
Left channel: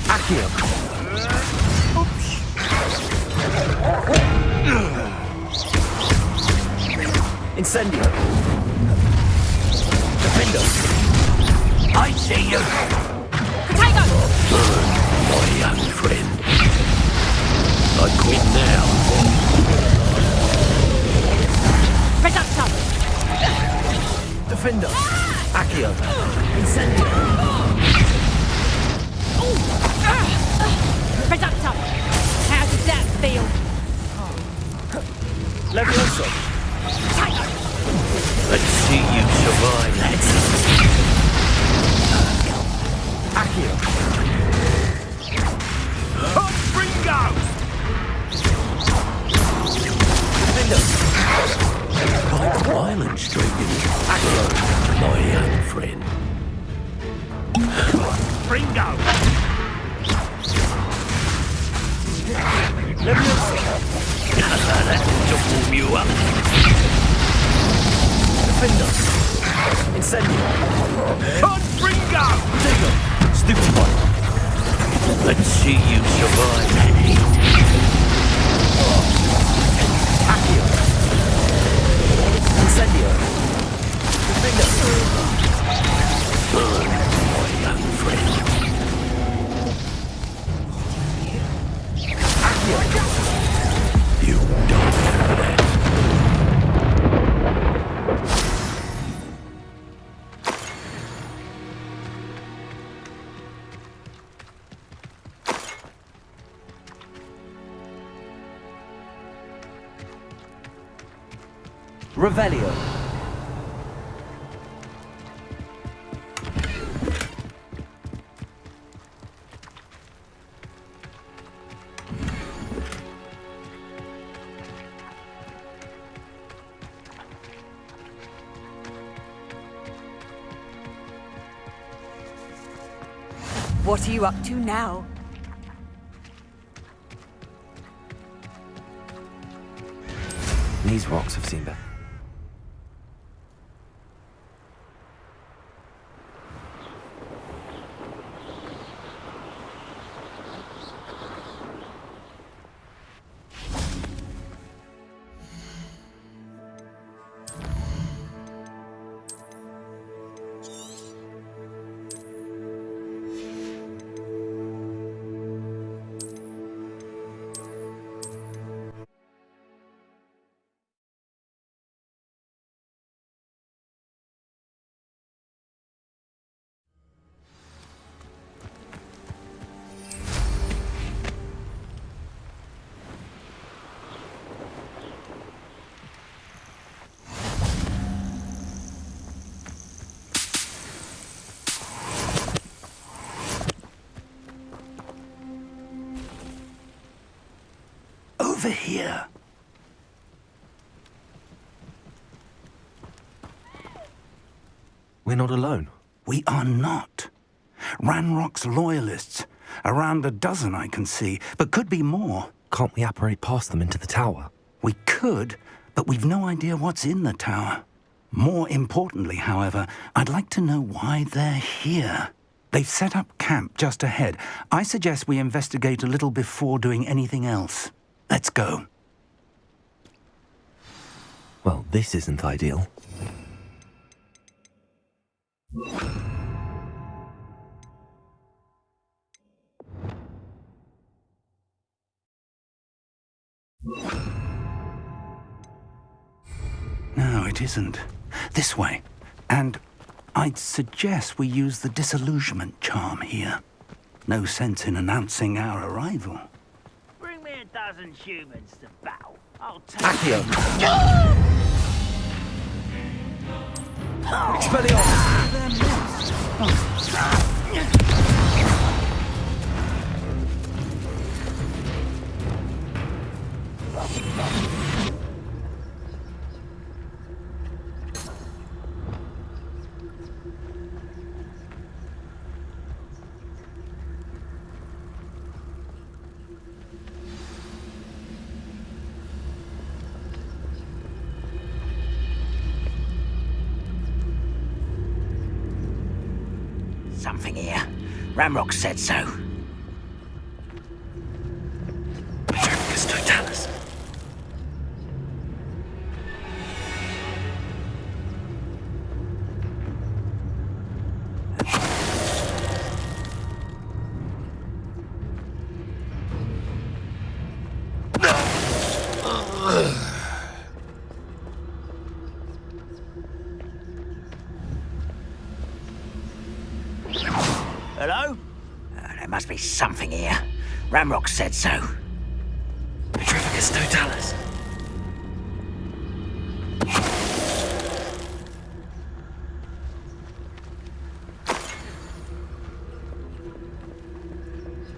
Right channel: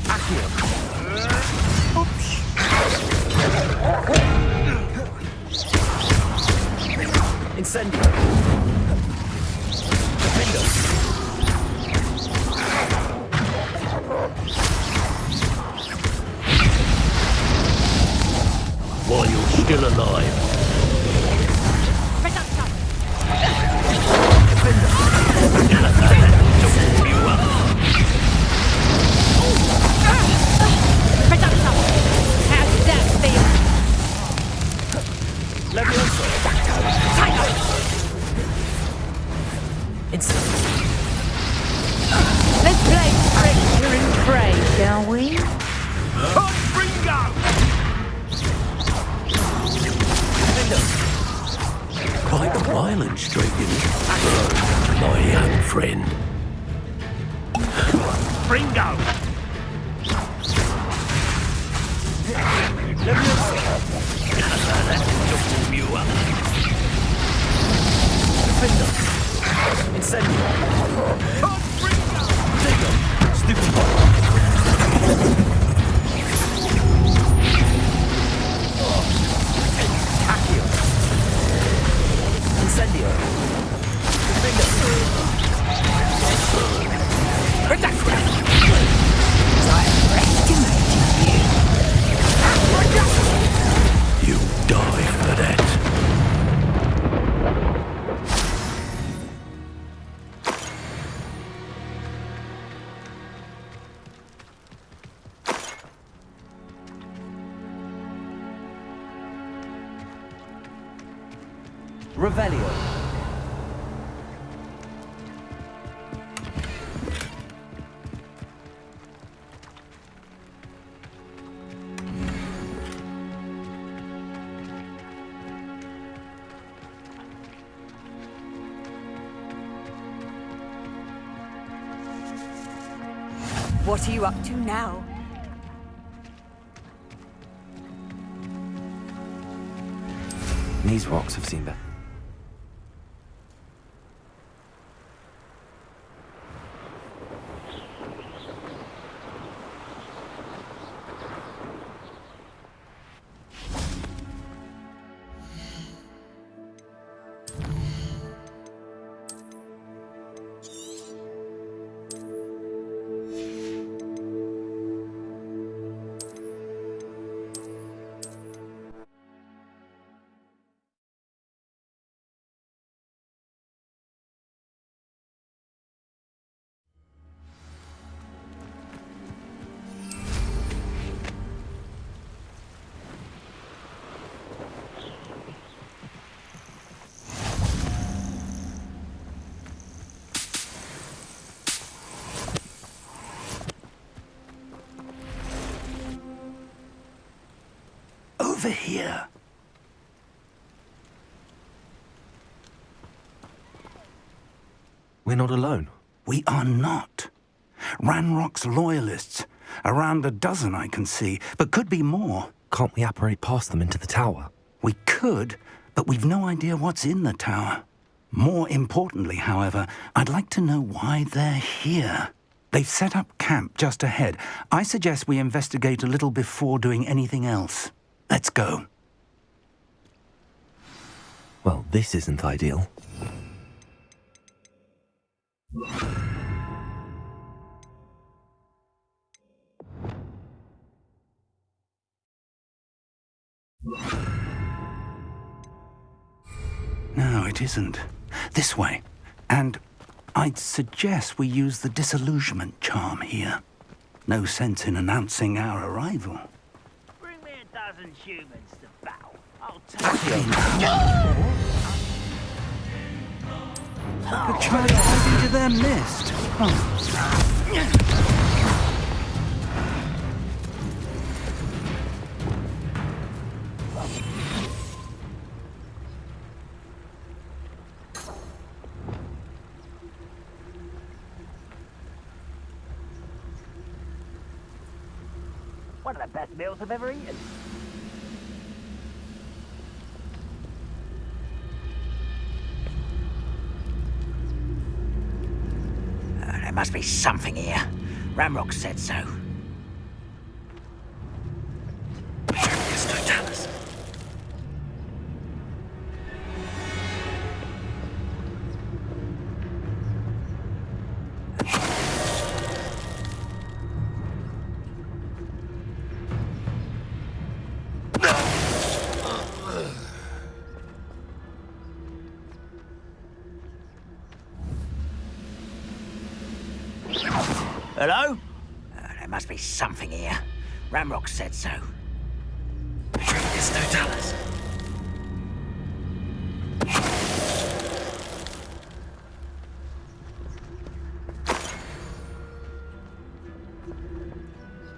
Accio! Incendio! Defender! I see you! My young friend. I quit now while you're still alive. Reductor! Defender! Accio! Reductor! How does that feel? Levioso! Let's see you survive. Let's play pray, shall we? Ringo! Quite a violent streak, my young friend. Ringo! That just warm you up. Defender! Incendio! Ringo! Digger! Stupid one! Let's see you survive. Accio! Incendio! Defender! Burn, my friend. You die for that. Revelio. What are you up to now? These rocks have seen better. Over here. We're not alone. We are not. Ranrock's loyalists. Around a dozen I can see, but could be more. Can't we apparate past them into the tower? We could, but we've no idea what's in the tower. More importantly, however, I'd like to know why they're here. They've set up camp just ahead. I suggest we investigate a little before doing anything else. Let's go. Well, this isn't ideal. No, it isn't. This way. And I'd suggest we use the disillusionment charm here. No sense in announcing our arrival. Bring me a dozen humans to battle. I'll take Into their midst. One of the best meals I've ever eaten. There must be something here. Ramrock said so. Hello? There must be something here. Ramrock said so. Petrificus totalis.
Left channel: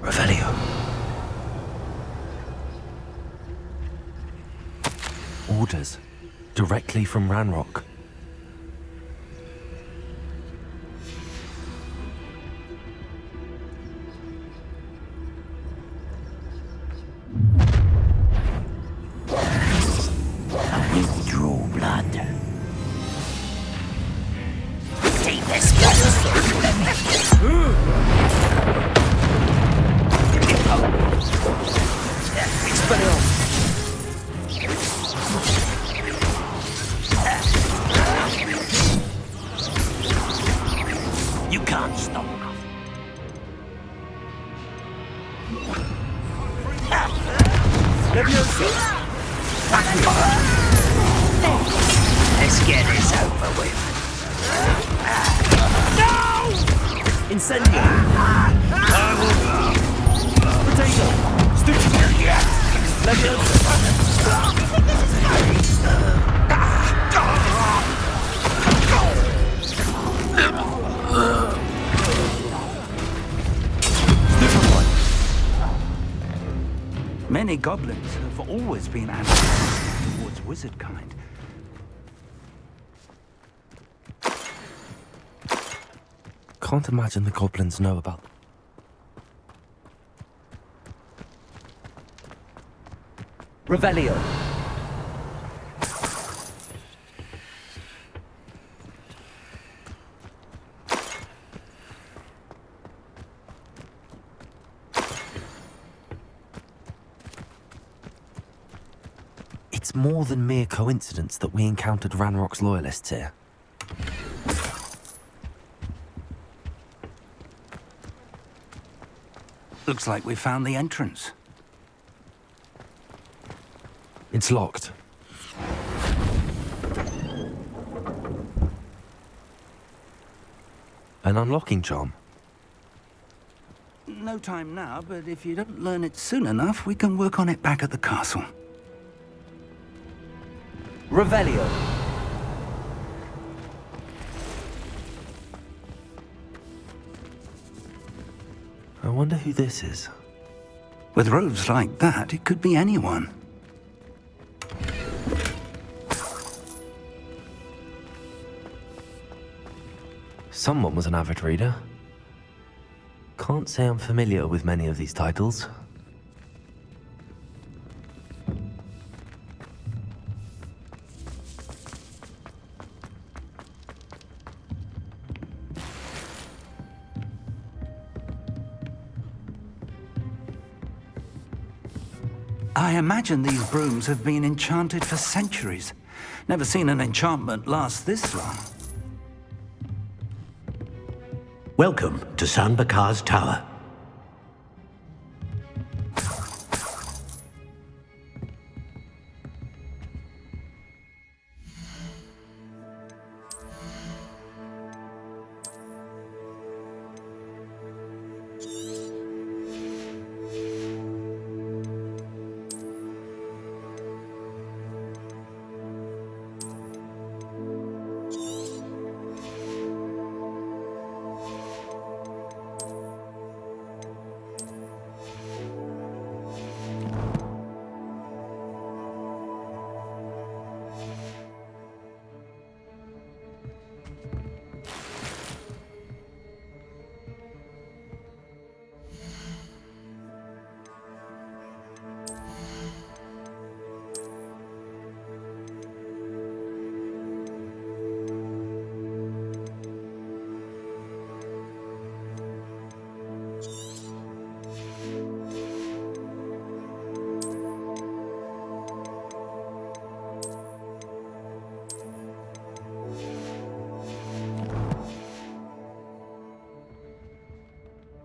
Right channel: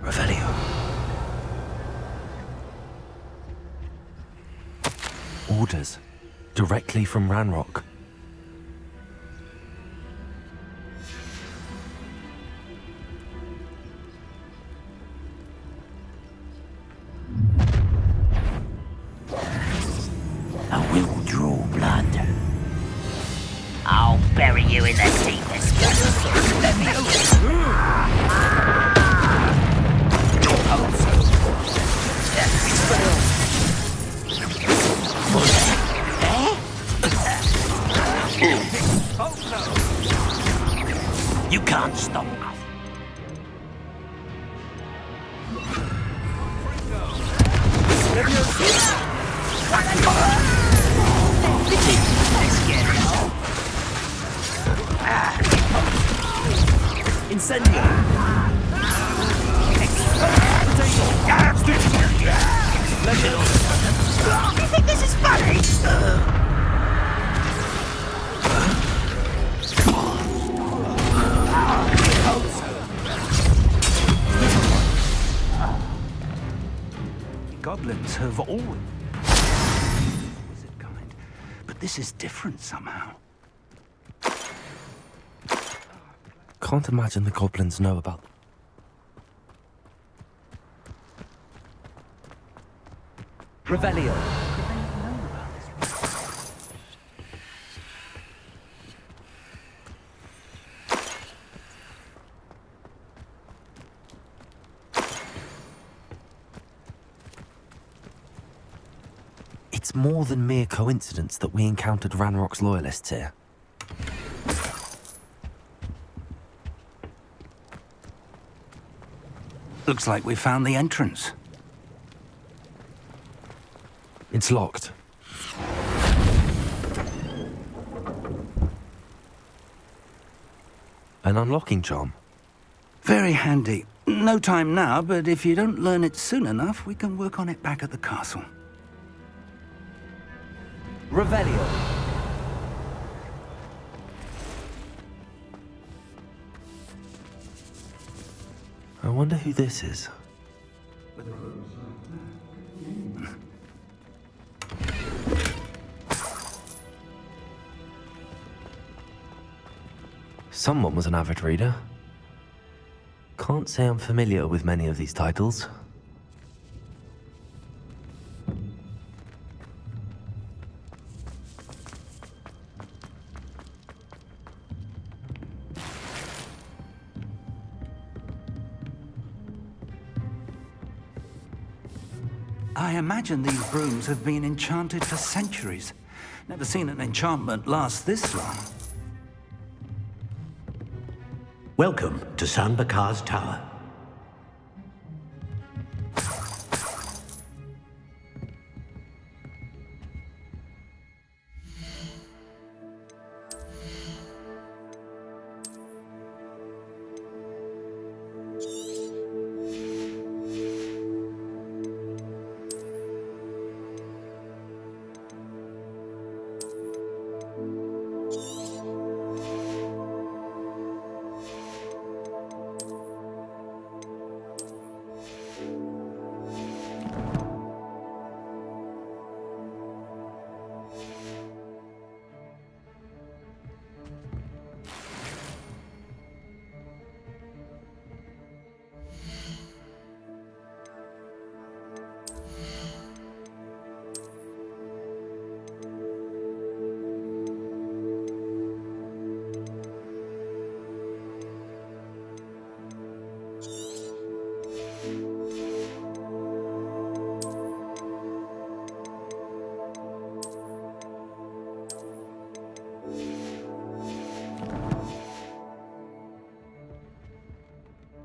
Revelio. Orders. Directly from Ranrock. I'll bury you in the deepest You can't stop us. Let's get this over with. Incendio! Potato! You think this is funny? Many goblins have always been animals towards wizard kind, but this is different somehow. Can't imagine the goblins know about... Revelio. It's more than mere coincidence that we encountered Ranrock's loyalists here. Looks like we found the entrance. It's locked. An unlocking charm. Very handy. No time now, but if you don't learn it soon enough, we can work on it back at the castle. Revelio. I wonder who this is. With robes like that, it could be anyone. Someone was an avid reader. Can't say I'm familiar with many of these titles. I imagine these brooms have been enchanted for centuries. Never seen an enchantment last this long. Welcome to San Bakar's Tower.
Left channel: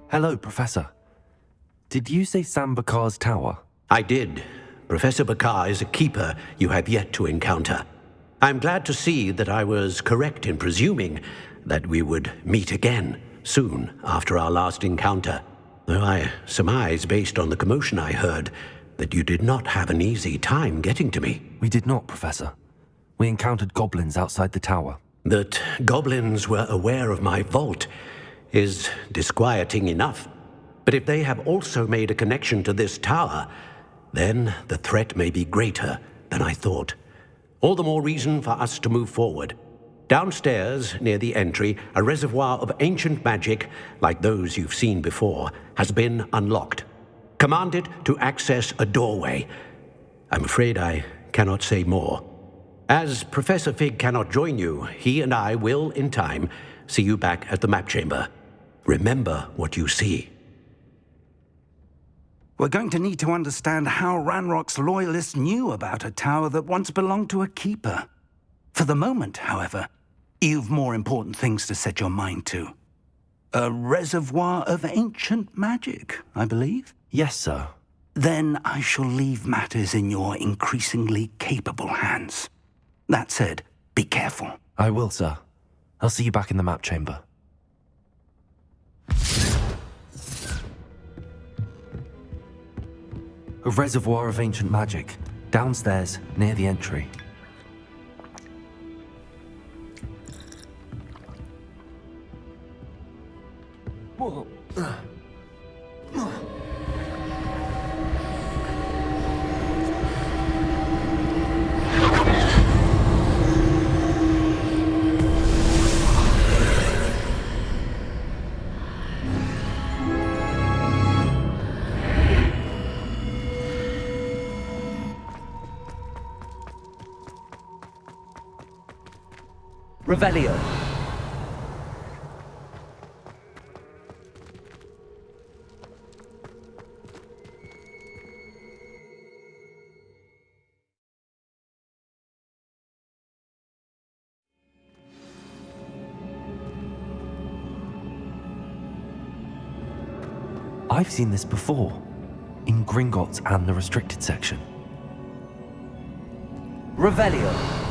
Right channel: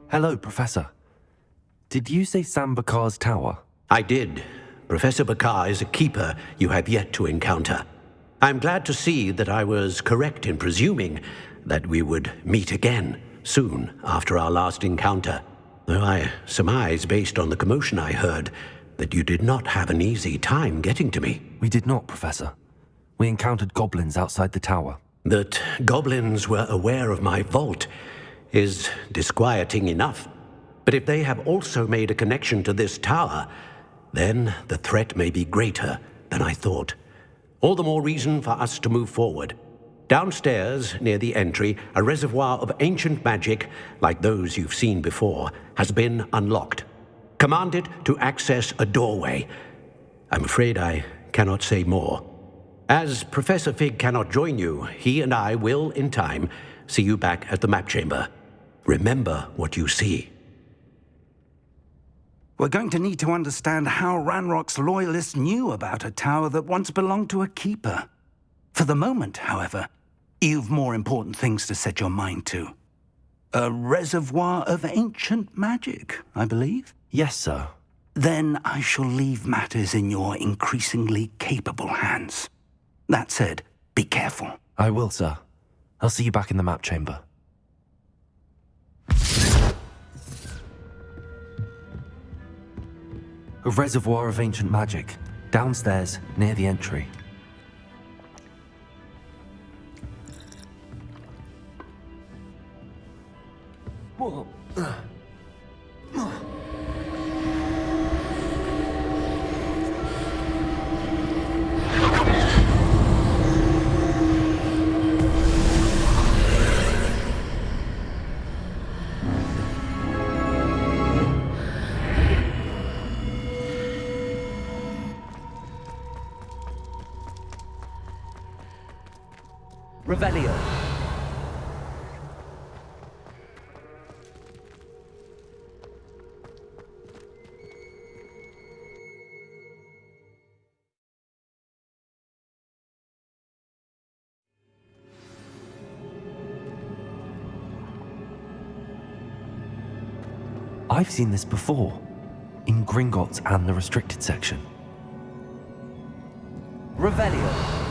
Hello, Professor. Did you say San Bakar's Tower? I did. Professor Bakar is a keeper you have yet to encounter. I'm glad to see that I was correct in presuming that we would meet again soon after our last encounter, though I surmise, based on the commotion I heard, that you did not have an easy time getting to me. We did not, Professor. We encountered goblins outside the tower. That goblins were aware of my vault is disquieting enough. But if they have also made a connection to this tower, then the threat may be greater than I thought. All the more reason for us to move forward. Downstairs, near the entry, a reservoir of ancient magic, like those you've seen before, has been unlocked. Command it to access a doorway. I'm afraid I cannot say more. As Professor Fig cannot join you, he and I will, in time, see you back at the map chamber. Remember what you see. We're going to need to understand how Ranrock's loyalists knew about a tower that once belonged to a keeper. For the moment, however, you've more important things to set your mind to. A reservoir of ancient magic, I believe? Yes, sir. Then I shall leave matters in your increasingly capable hands. That said, be careful. I will, sir. I'll see you back in the map chamber. A reservoir of ancient magic, downstairs, near the entry. Revelio. I've seen this before, in Gringotts and the restricted section. Revelio.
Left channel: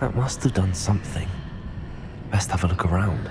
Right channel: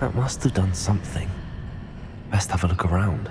That must have done something. Best have a look around.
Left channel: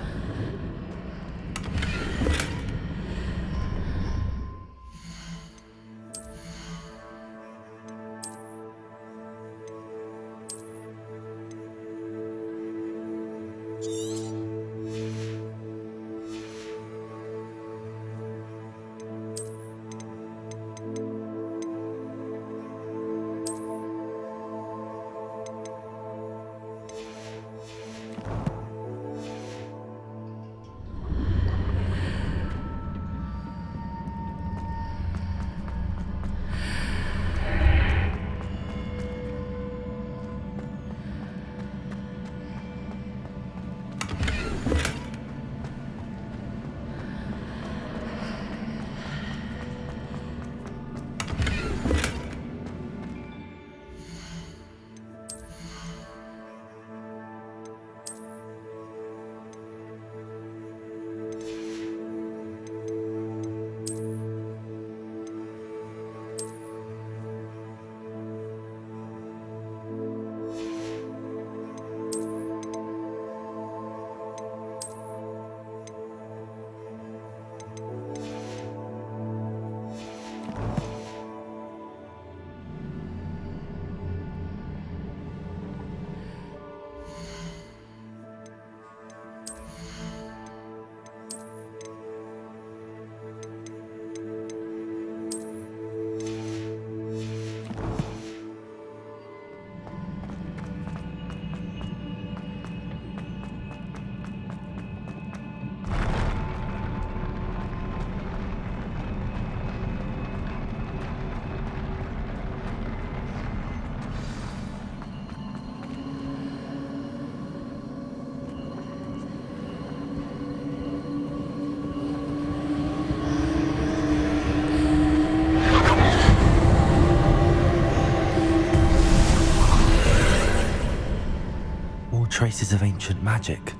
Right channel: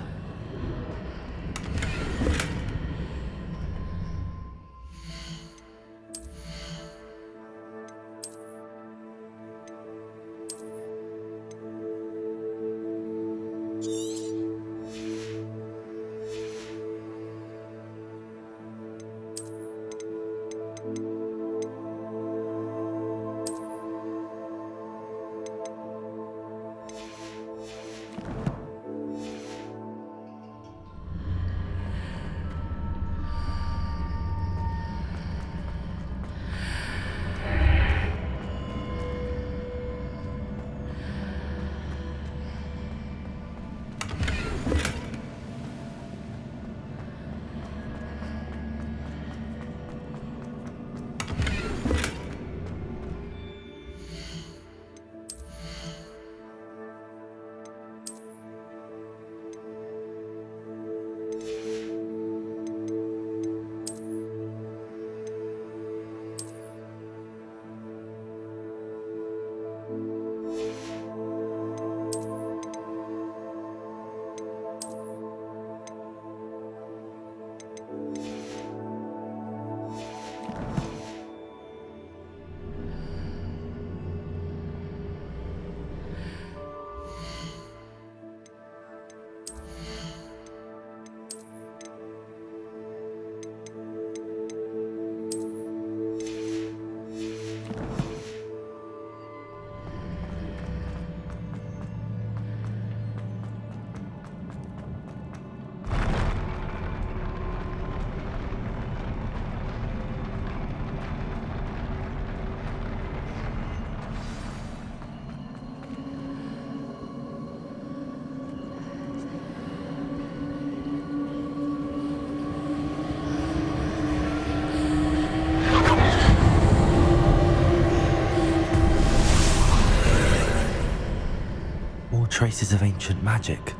Traces of ancient magic.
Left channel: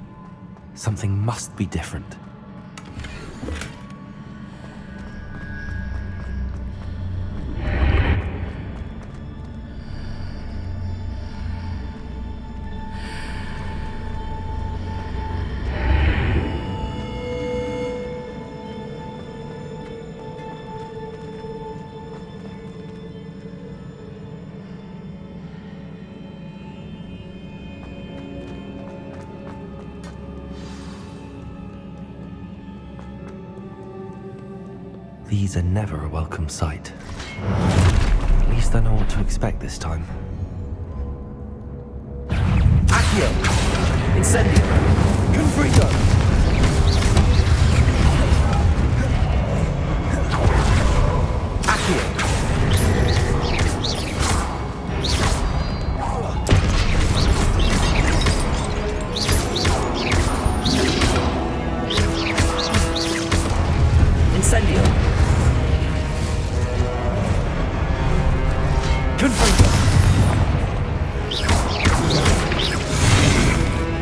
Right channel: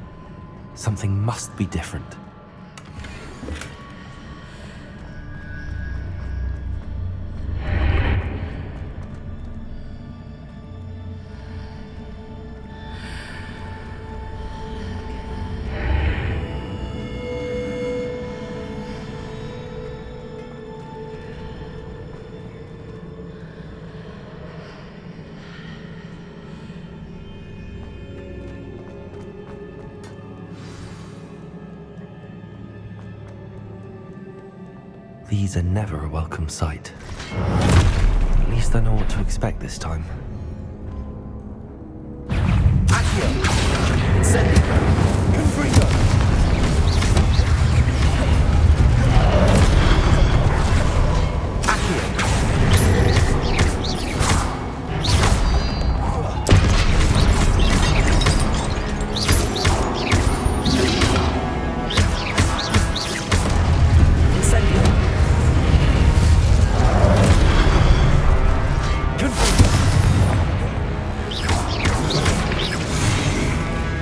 Something must be different. These are never a welcome sight. At least I know what to expect this time. Accio! Incendio! Confringo! Accio!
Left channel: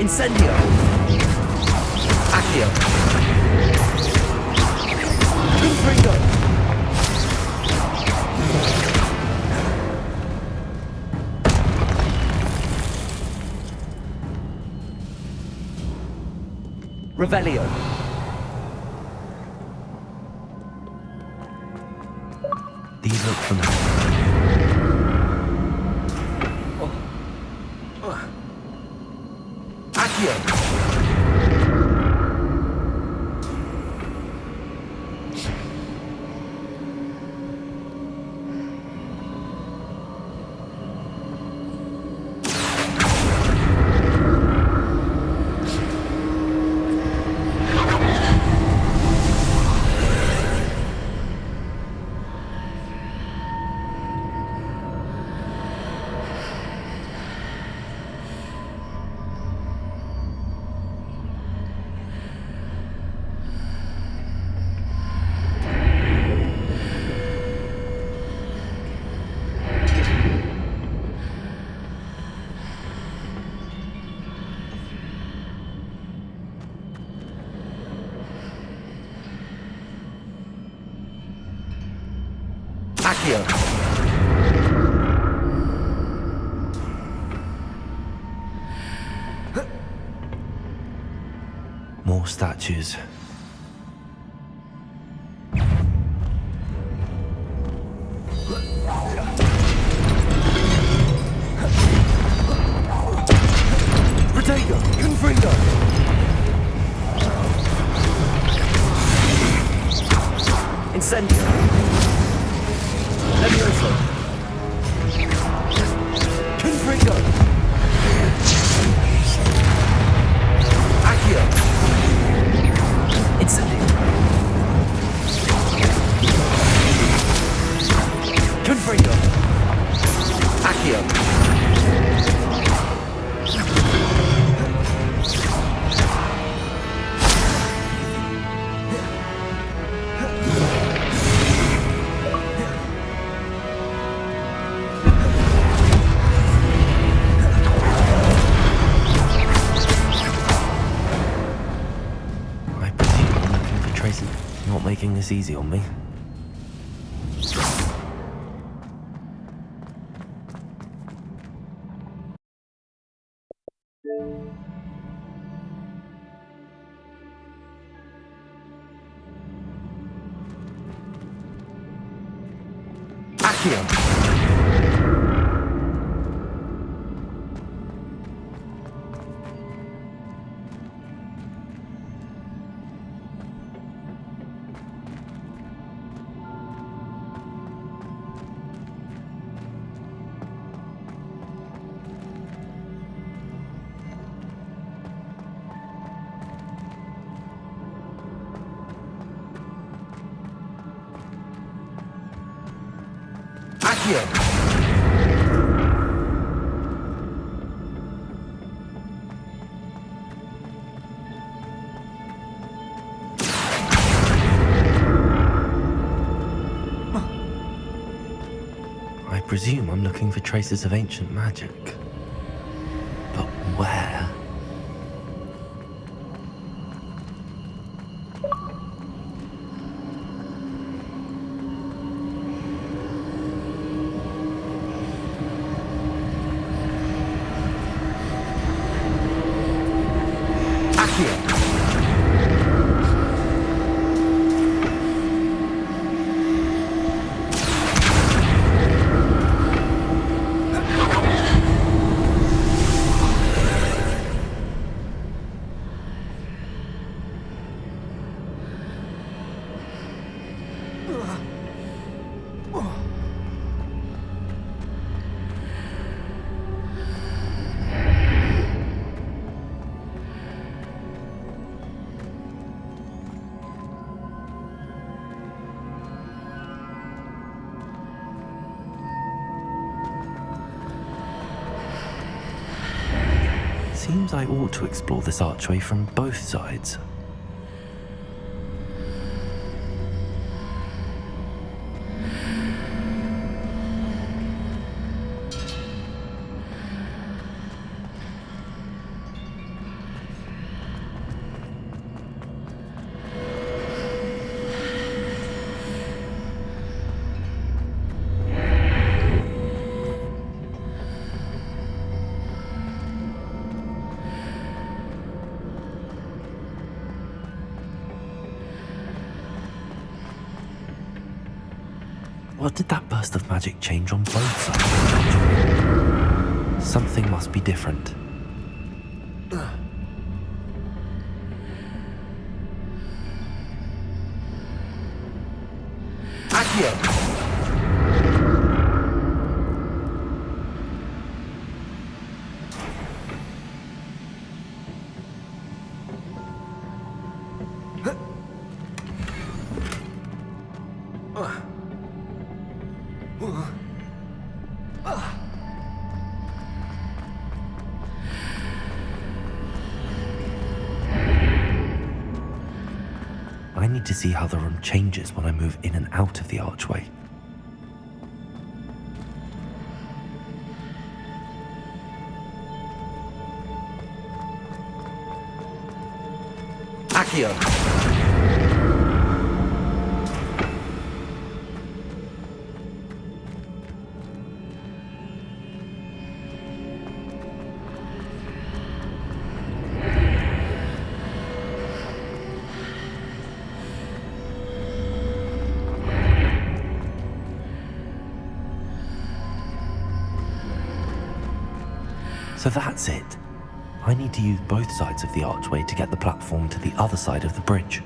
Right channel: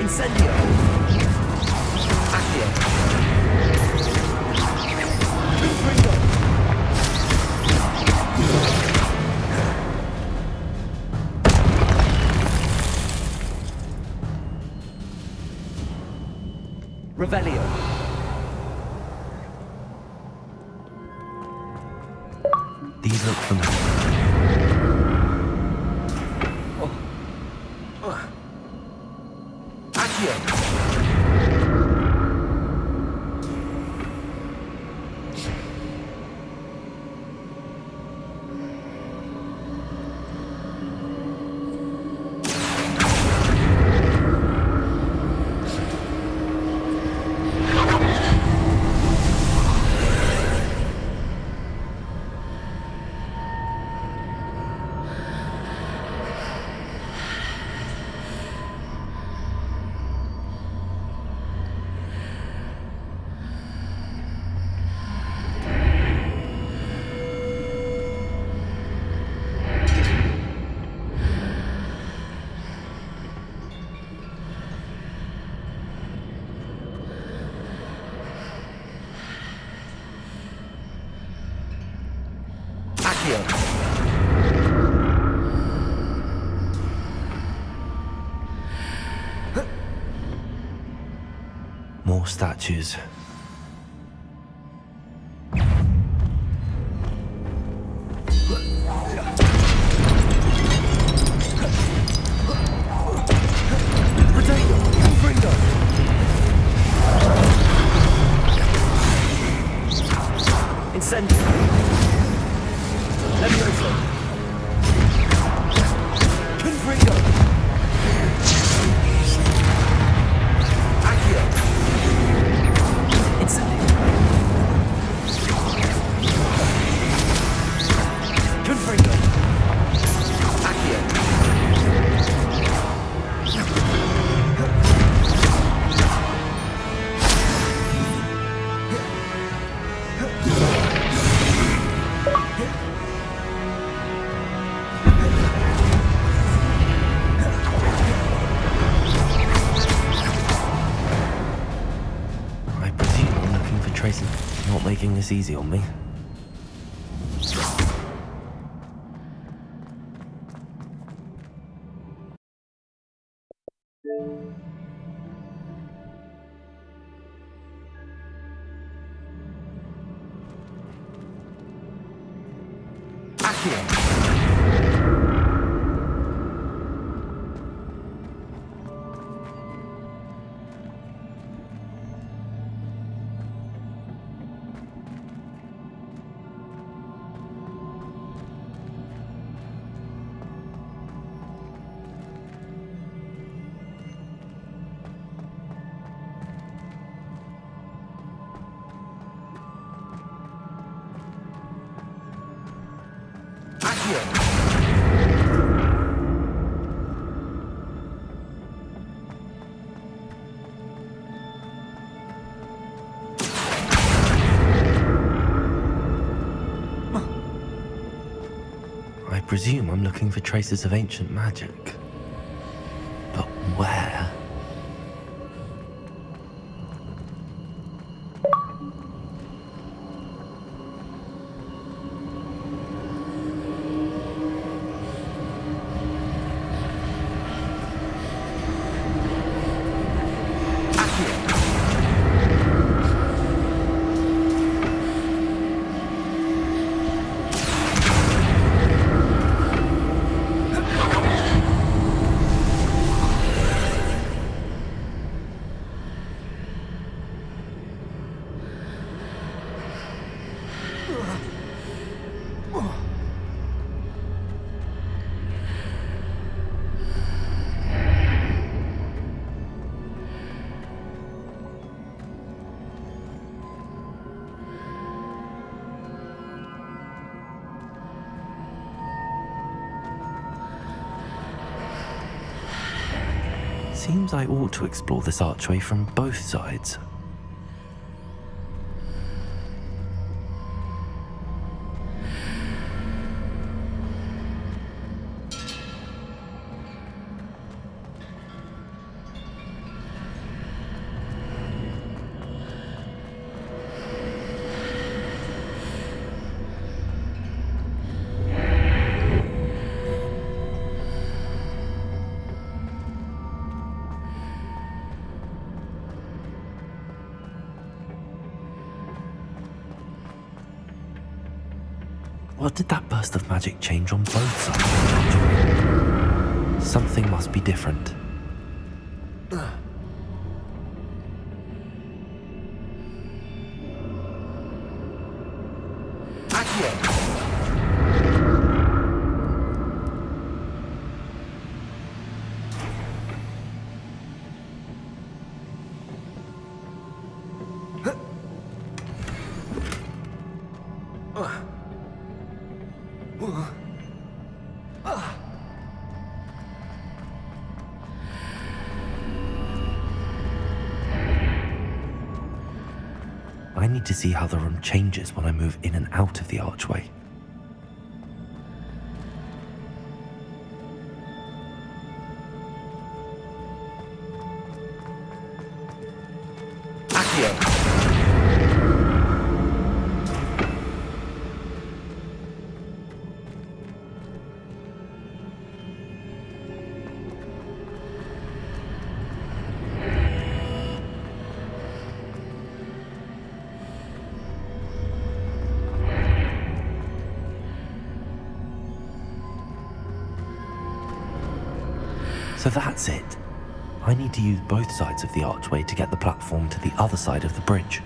Incendio! Accio! Confringo! Revelio! These look familiar. More statues. Protego! Confringo! Incendio! Levioso! Confringo! Accio! Incendio! Confringo! Accio! Not making this easy on me. Accio! I presume I'm looking for traces of ancient magic. But where? Seems I ought to explore this archway from both sides. What did that burst of magic change on both sides of the archway? Something must be different. I need to see how the room changes when I move in and out of the archway. Accio! So that's it. I need to use both sides of the archway to get the platform to the other side of the bridge.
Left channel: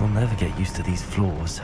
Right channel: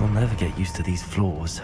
I'll never get used to these floors.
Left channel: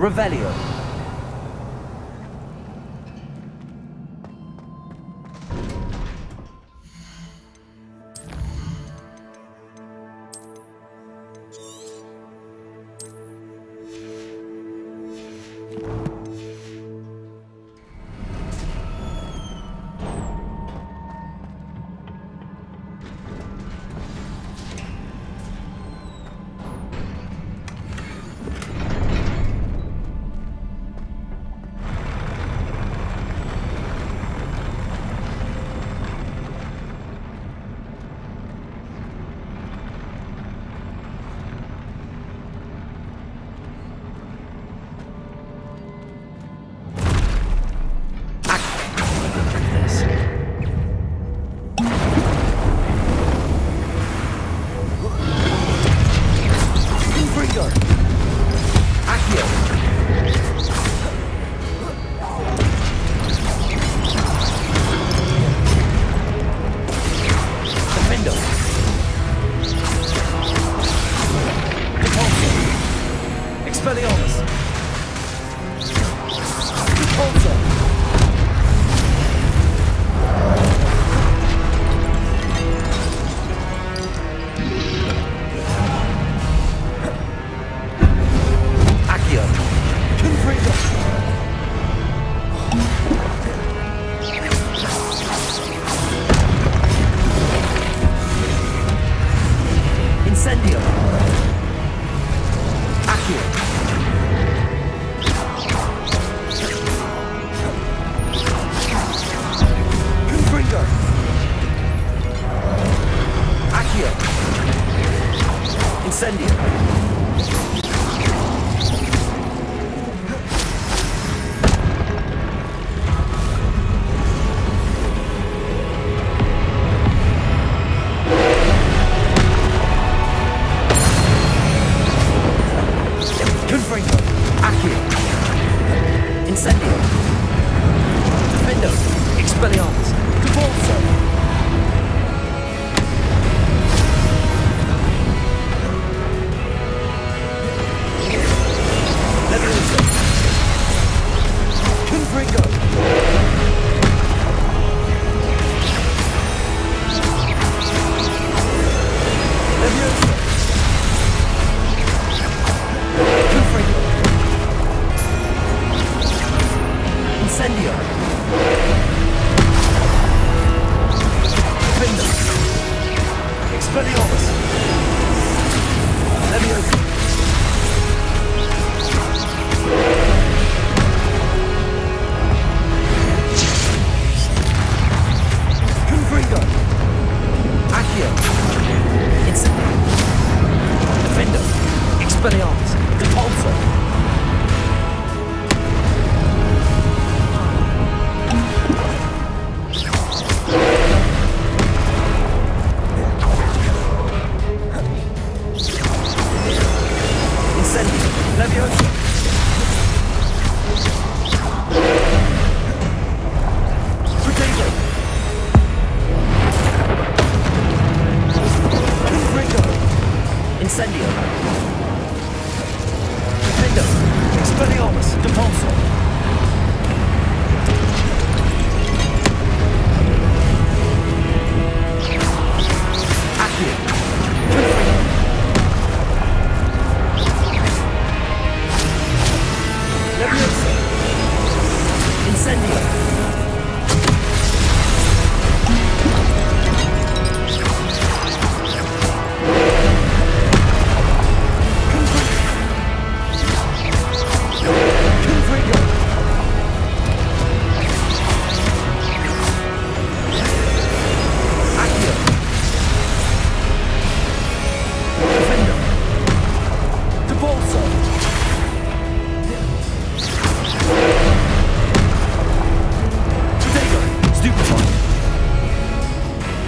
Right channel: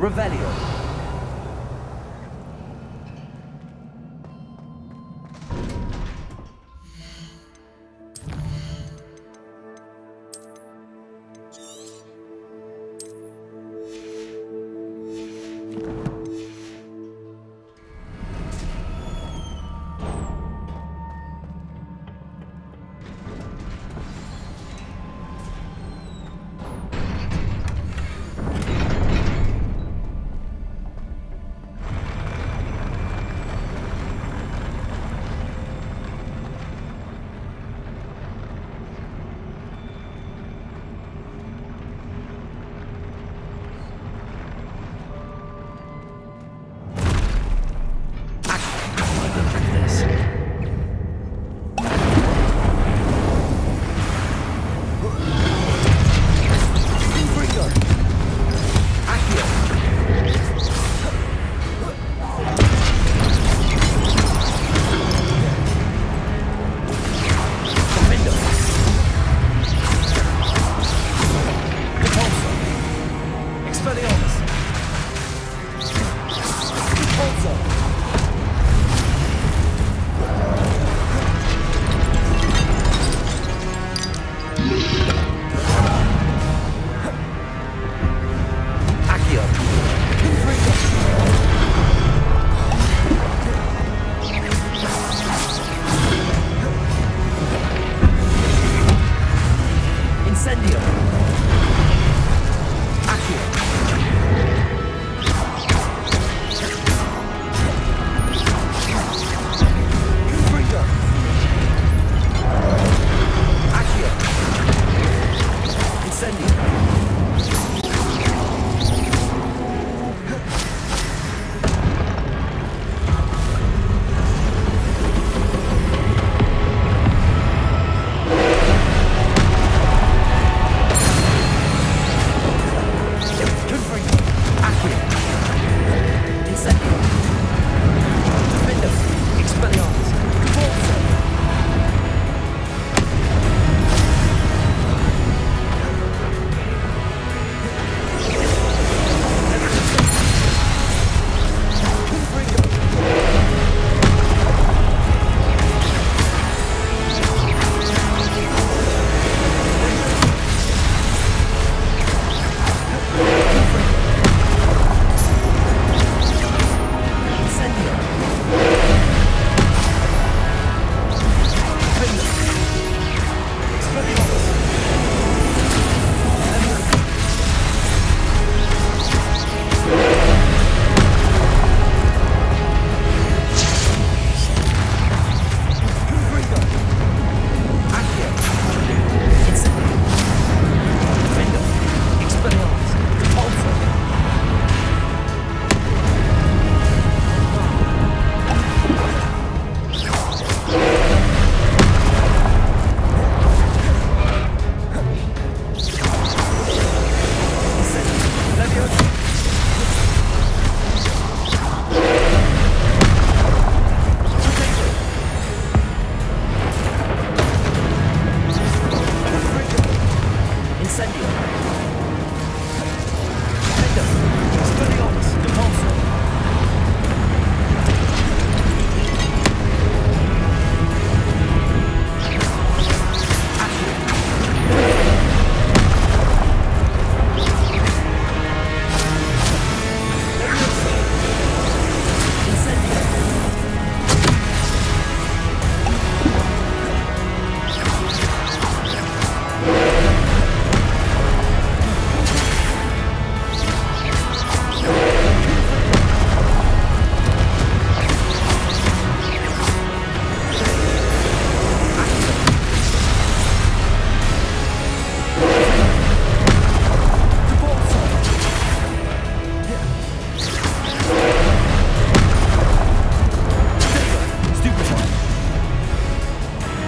Revelio. Expelliarmus! Repulsor! Accio! Confringo! Incendio! Accio! Confringo! Accio! Incendio! Confringo! Accio! Incendio! Defendo! Expelliarmus! Revolves! Leviosa! Confringo! Leviosa! Confringo! Incendio! Defendo! Expelliarmus! Leviosa! Confringo! Accio! Incendio! Defendo! Expelliarmus! Repulsor! Incendio! Leviosa! Potato! Confringo! Incendio! Defendo! Expelliarmus! Repulsor! Accio! Confringo! Leviosa! Incendio! Confringo! Accio! Defendo! Repulsor! Potato! Stupefy!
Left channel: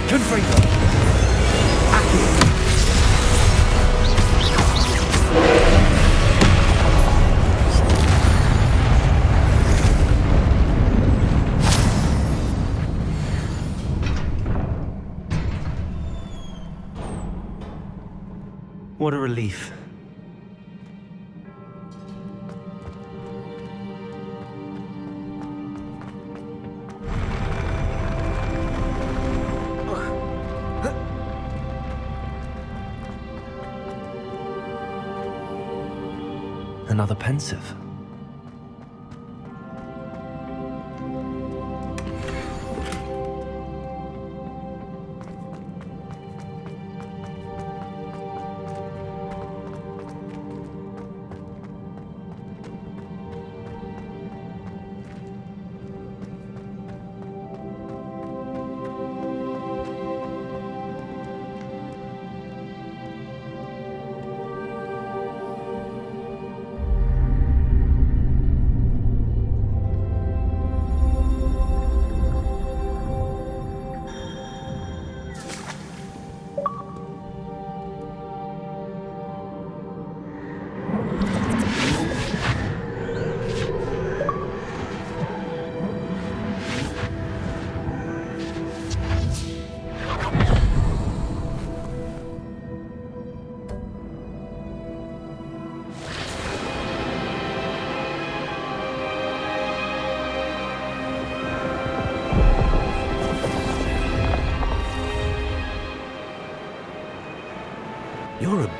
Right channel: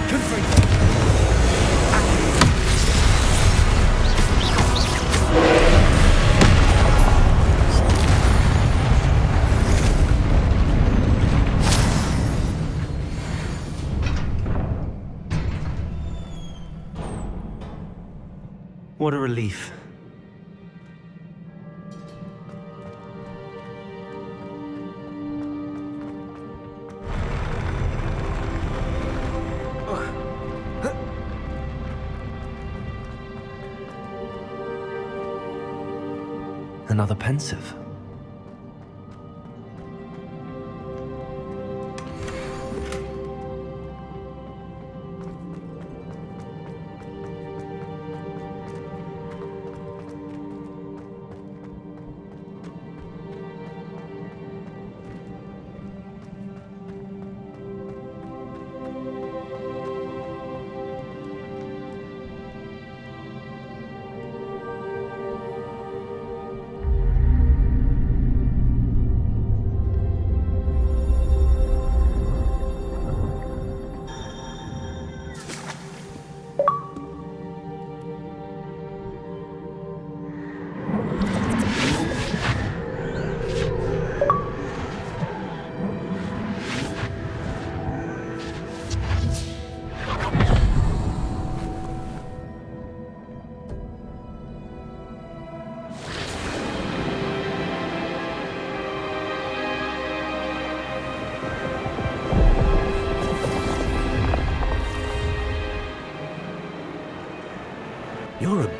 Confringo! Accio! What a relief. Another pensive.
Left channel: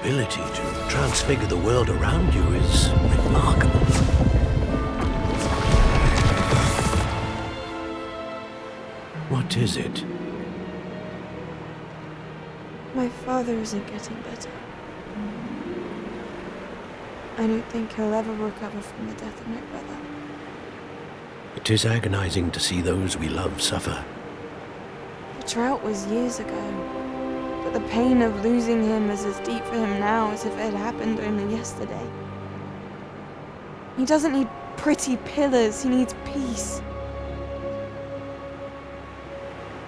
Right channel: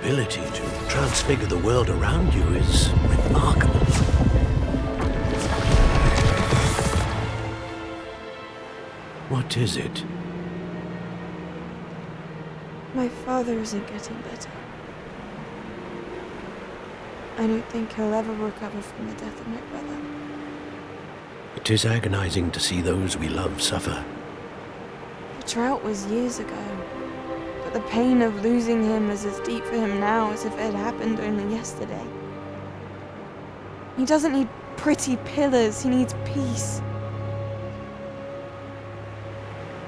ability to transfigure the world around you is remarkable. What is it? My father isn't getting better. I don't think he'll ever recover from the death of my brother. It is agonizing to see those we love suffer. The drought was years ago, but the pain of losing him is as deep for him now as if it had happened only yesterday. He doesn't need pretty pillars, he needs peace.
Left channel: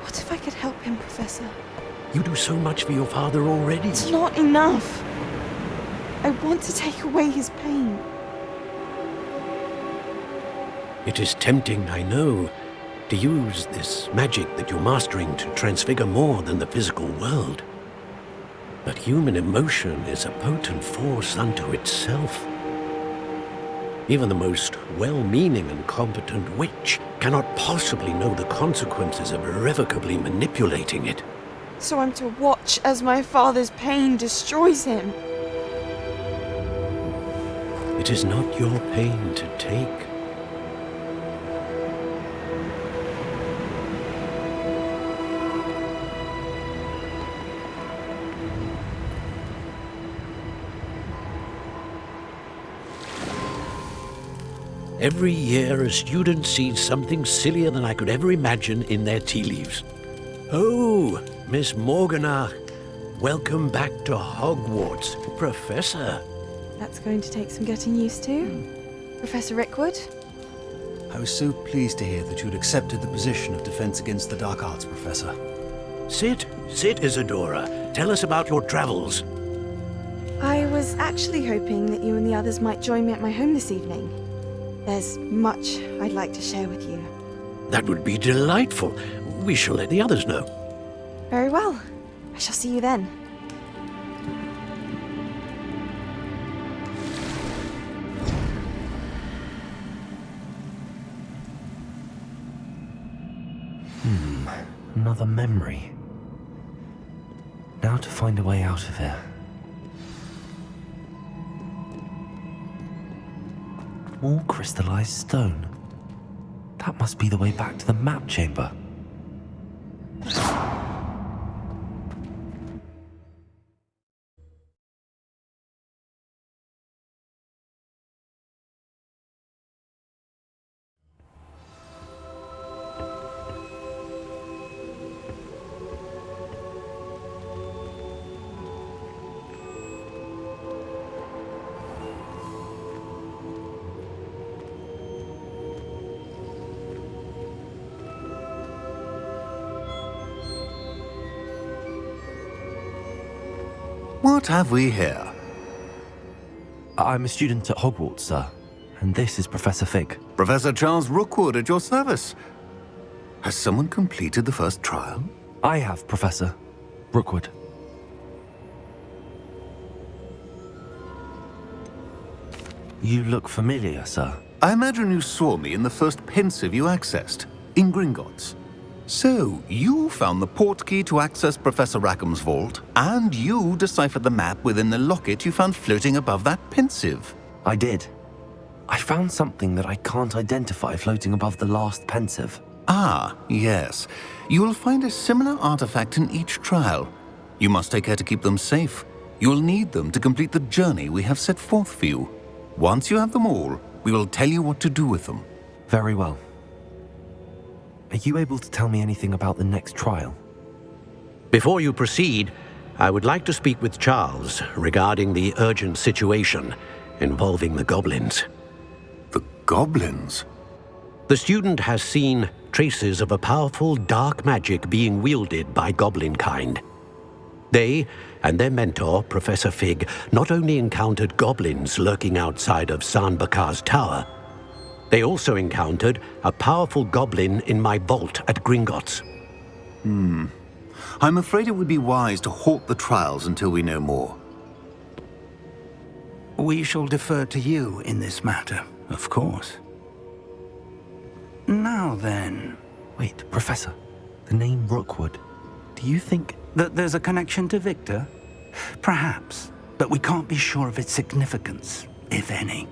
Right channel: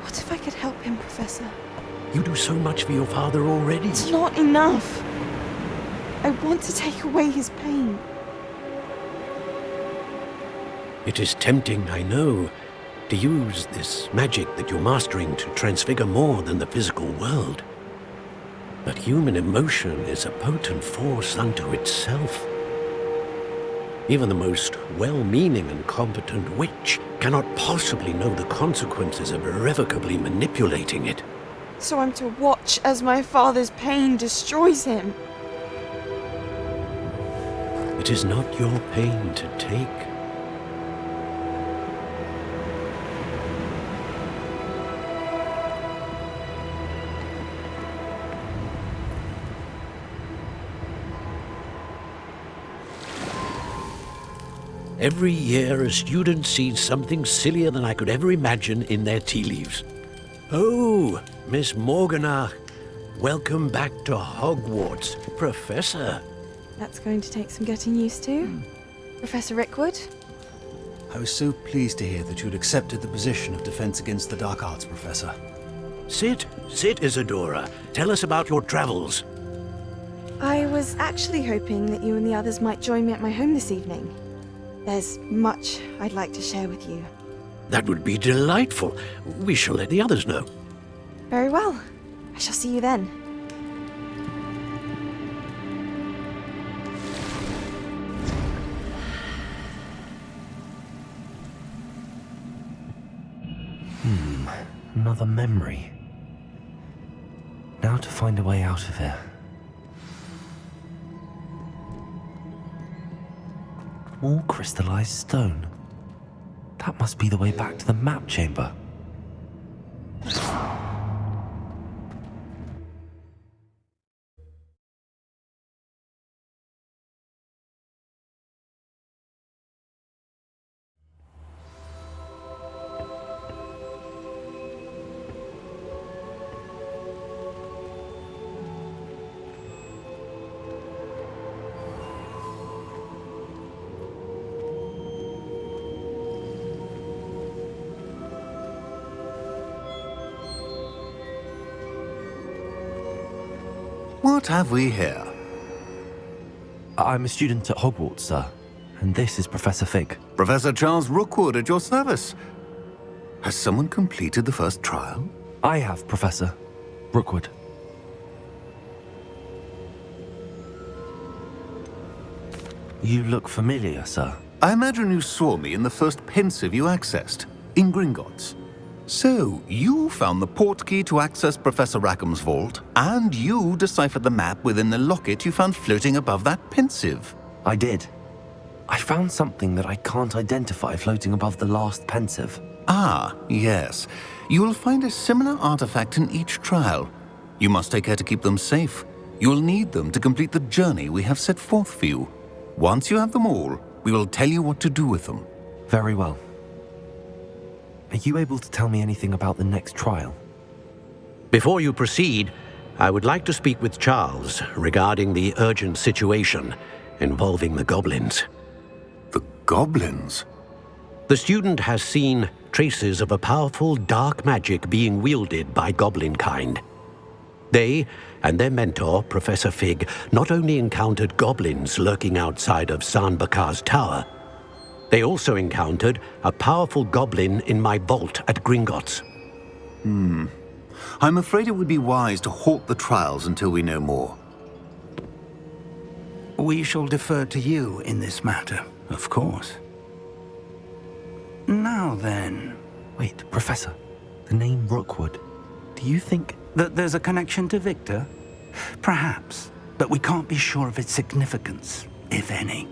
What if I could help him, Professor? You do so much for your father already. It's not enough. I want to take away his pain. It is tempting, I know, to use this magic that you're mastering to transfigure more than the physical world. But human emotion is a potent force unto itself. Even the most well-meaning and competent witch cannot possibly know the consequences of irrevocably manipulating it. So I'm to watch as my father's pain destroys him. It is not your pain to take. Every year, a student sees something sillier than I could ever imagine in their tea leaves. Oh, Miss Morganach, welcome back to Hogwarts, Professor. That's going to take some getting used to. Professor Rickwood? I was so pleased to hear that you'd accepted the position of Defense Against the Dark Arts, Professor. Sit, Isadora. Tell us about your travels. I was actually hoping that you and the others might join me at my home this evening. There's much I'd like to share with you. That would be delightful. We shall let the others know. Very well. I shall see you then. Another memory. Now to find a way out of here. More crystallized stone. That must be the way back to the map chamber. What have we here? I'm a student at Hogwarts, sir, and this is Professor Fig. Professor Charles Rookwood at your service. Has someone completed the first trial? I have, Professor Rookwood. You look familiar, sir. I imagine you saw me in the first pensive you accessed, in Gringotts. So, you found the portkey to access Professor Rackham's vault, and you deciphered the map within the locket you found floating above that pensive. I did. I found something that I can't identify floating above the last pensive. Ah, yes. You will find a similar artifact in each trial. You must take care to keep them safe. You will need them to complete the journey we have set forth for you. Once you have them all, we will tell you what to do with them. Very well. Are you able to tell me anything about the next trial? Before you proceed, I would like to speak with Charles regarding the urgent situation involving the goblins. The goblins? The student has seen traces of a powerful dark magic being wielded by goblin kind. They and their mentor, Professor Fig, not only encountered goblins lurking outside of San Bakar's tower, they also encountered a powerful goblin in my vault at Gringotts. I'm afraid it would be wise to halt the trials until we know more. We shall defer to you in this matter, of course. Now then... Wait, Professor. The name Rookwood. Do you think... that there's a connection to Victor? Perhaps. but we can't be sure of its significance, if any.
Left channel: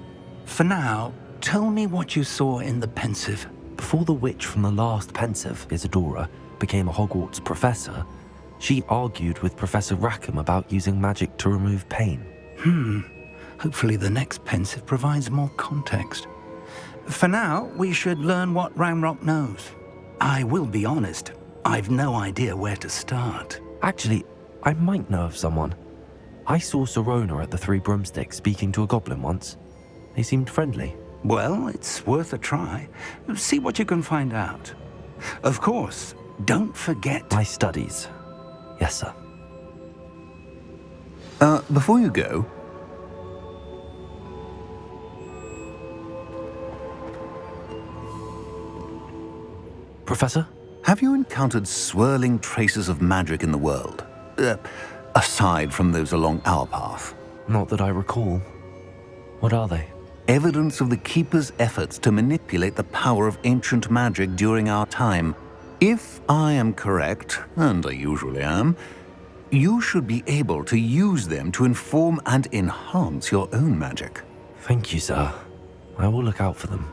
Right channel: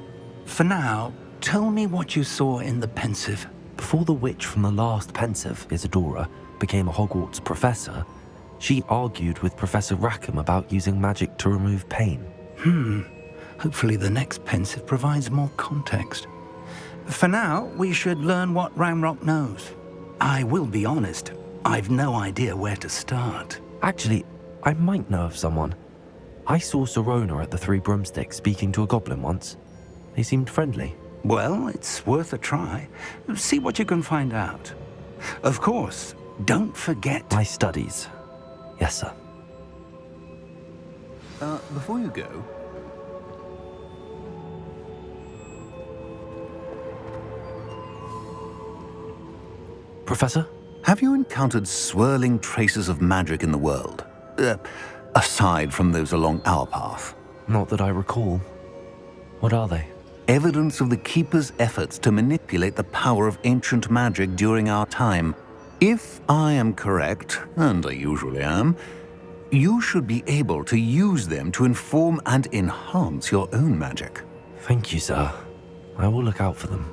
For now, tell me what you saw in the pensive. Before the witch from the last pensive, Isadora, became a Hogwarts professor, she argued with Professor Rackham about using magic to remove pain. Hopefully the next pensive provides more context. For now, we should learn what Ranrock knows. I will be honest, I've no idea where to start. Actually, I might know of someone. I saw Serona at the Three Broomsticks speaking to a goblin once. They seemed friendly. Well, it's worth a try. See what you can find out. Of course, don't forget... My studies. Yes, sir. Before you go... Professor? Have you encountered swirling traces of magic in the world? Aside from those along our path? Not that I recall. What are they? Evidence of the Keeper's efforts to manipulate the power of ancient magic during our time. If I am correct, and I usually am, you should be able to use them to inform and enhance your own magic. Thank you, sir. I will look out for them.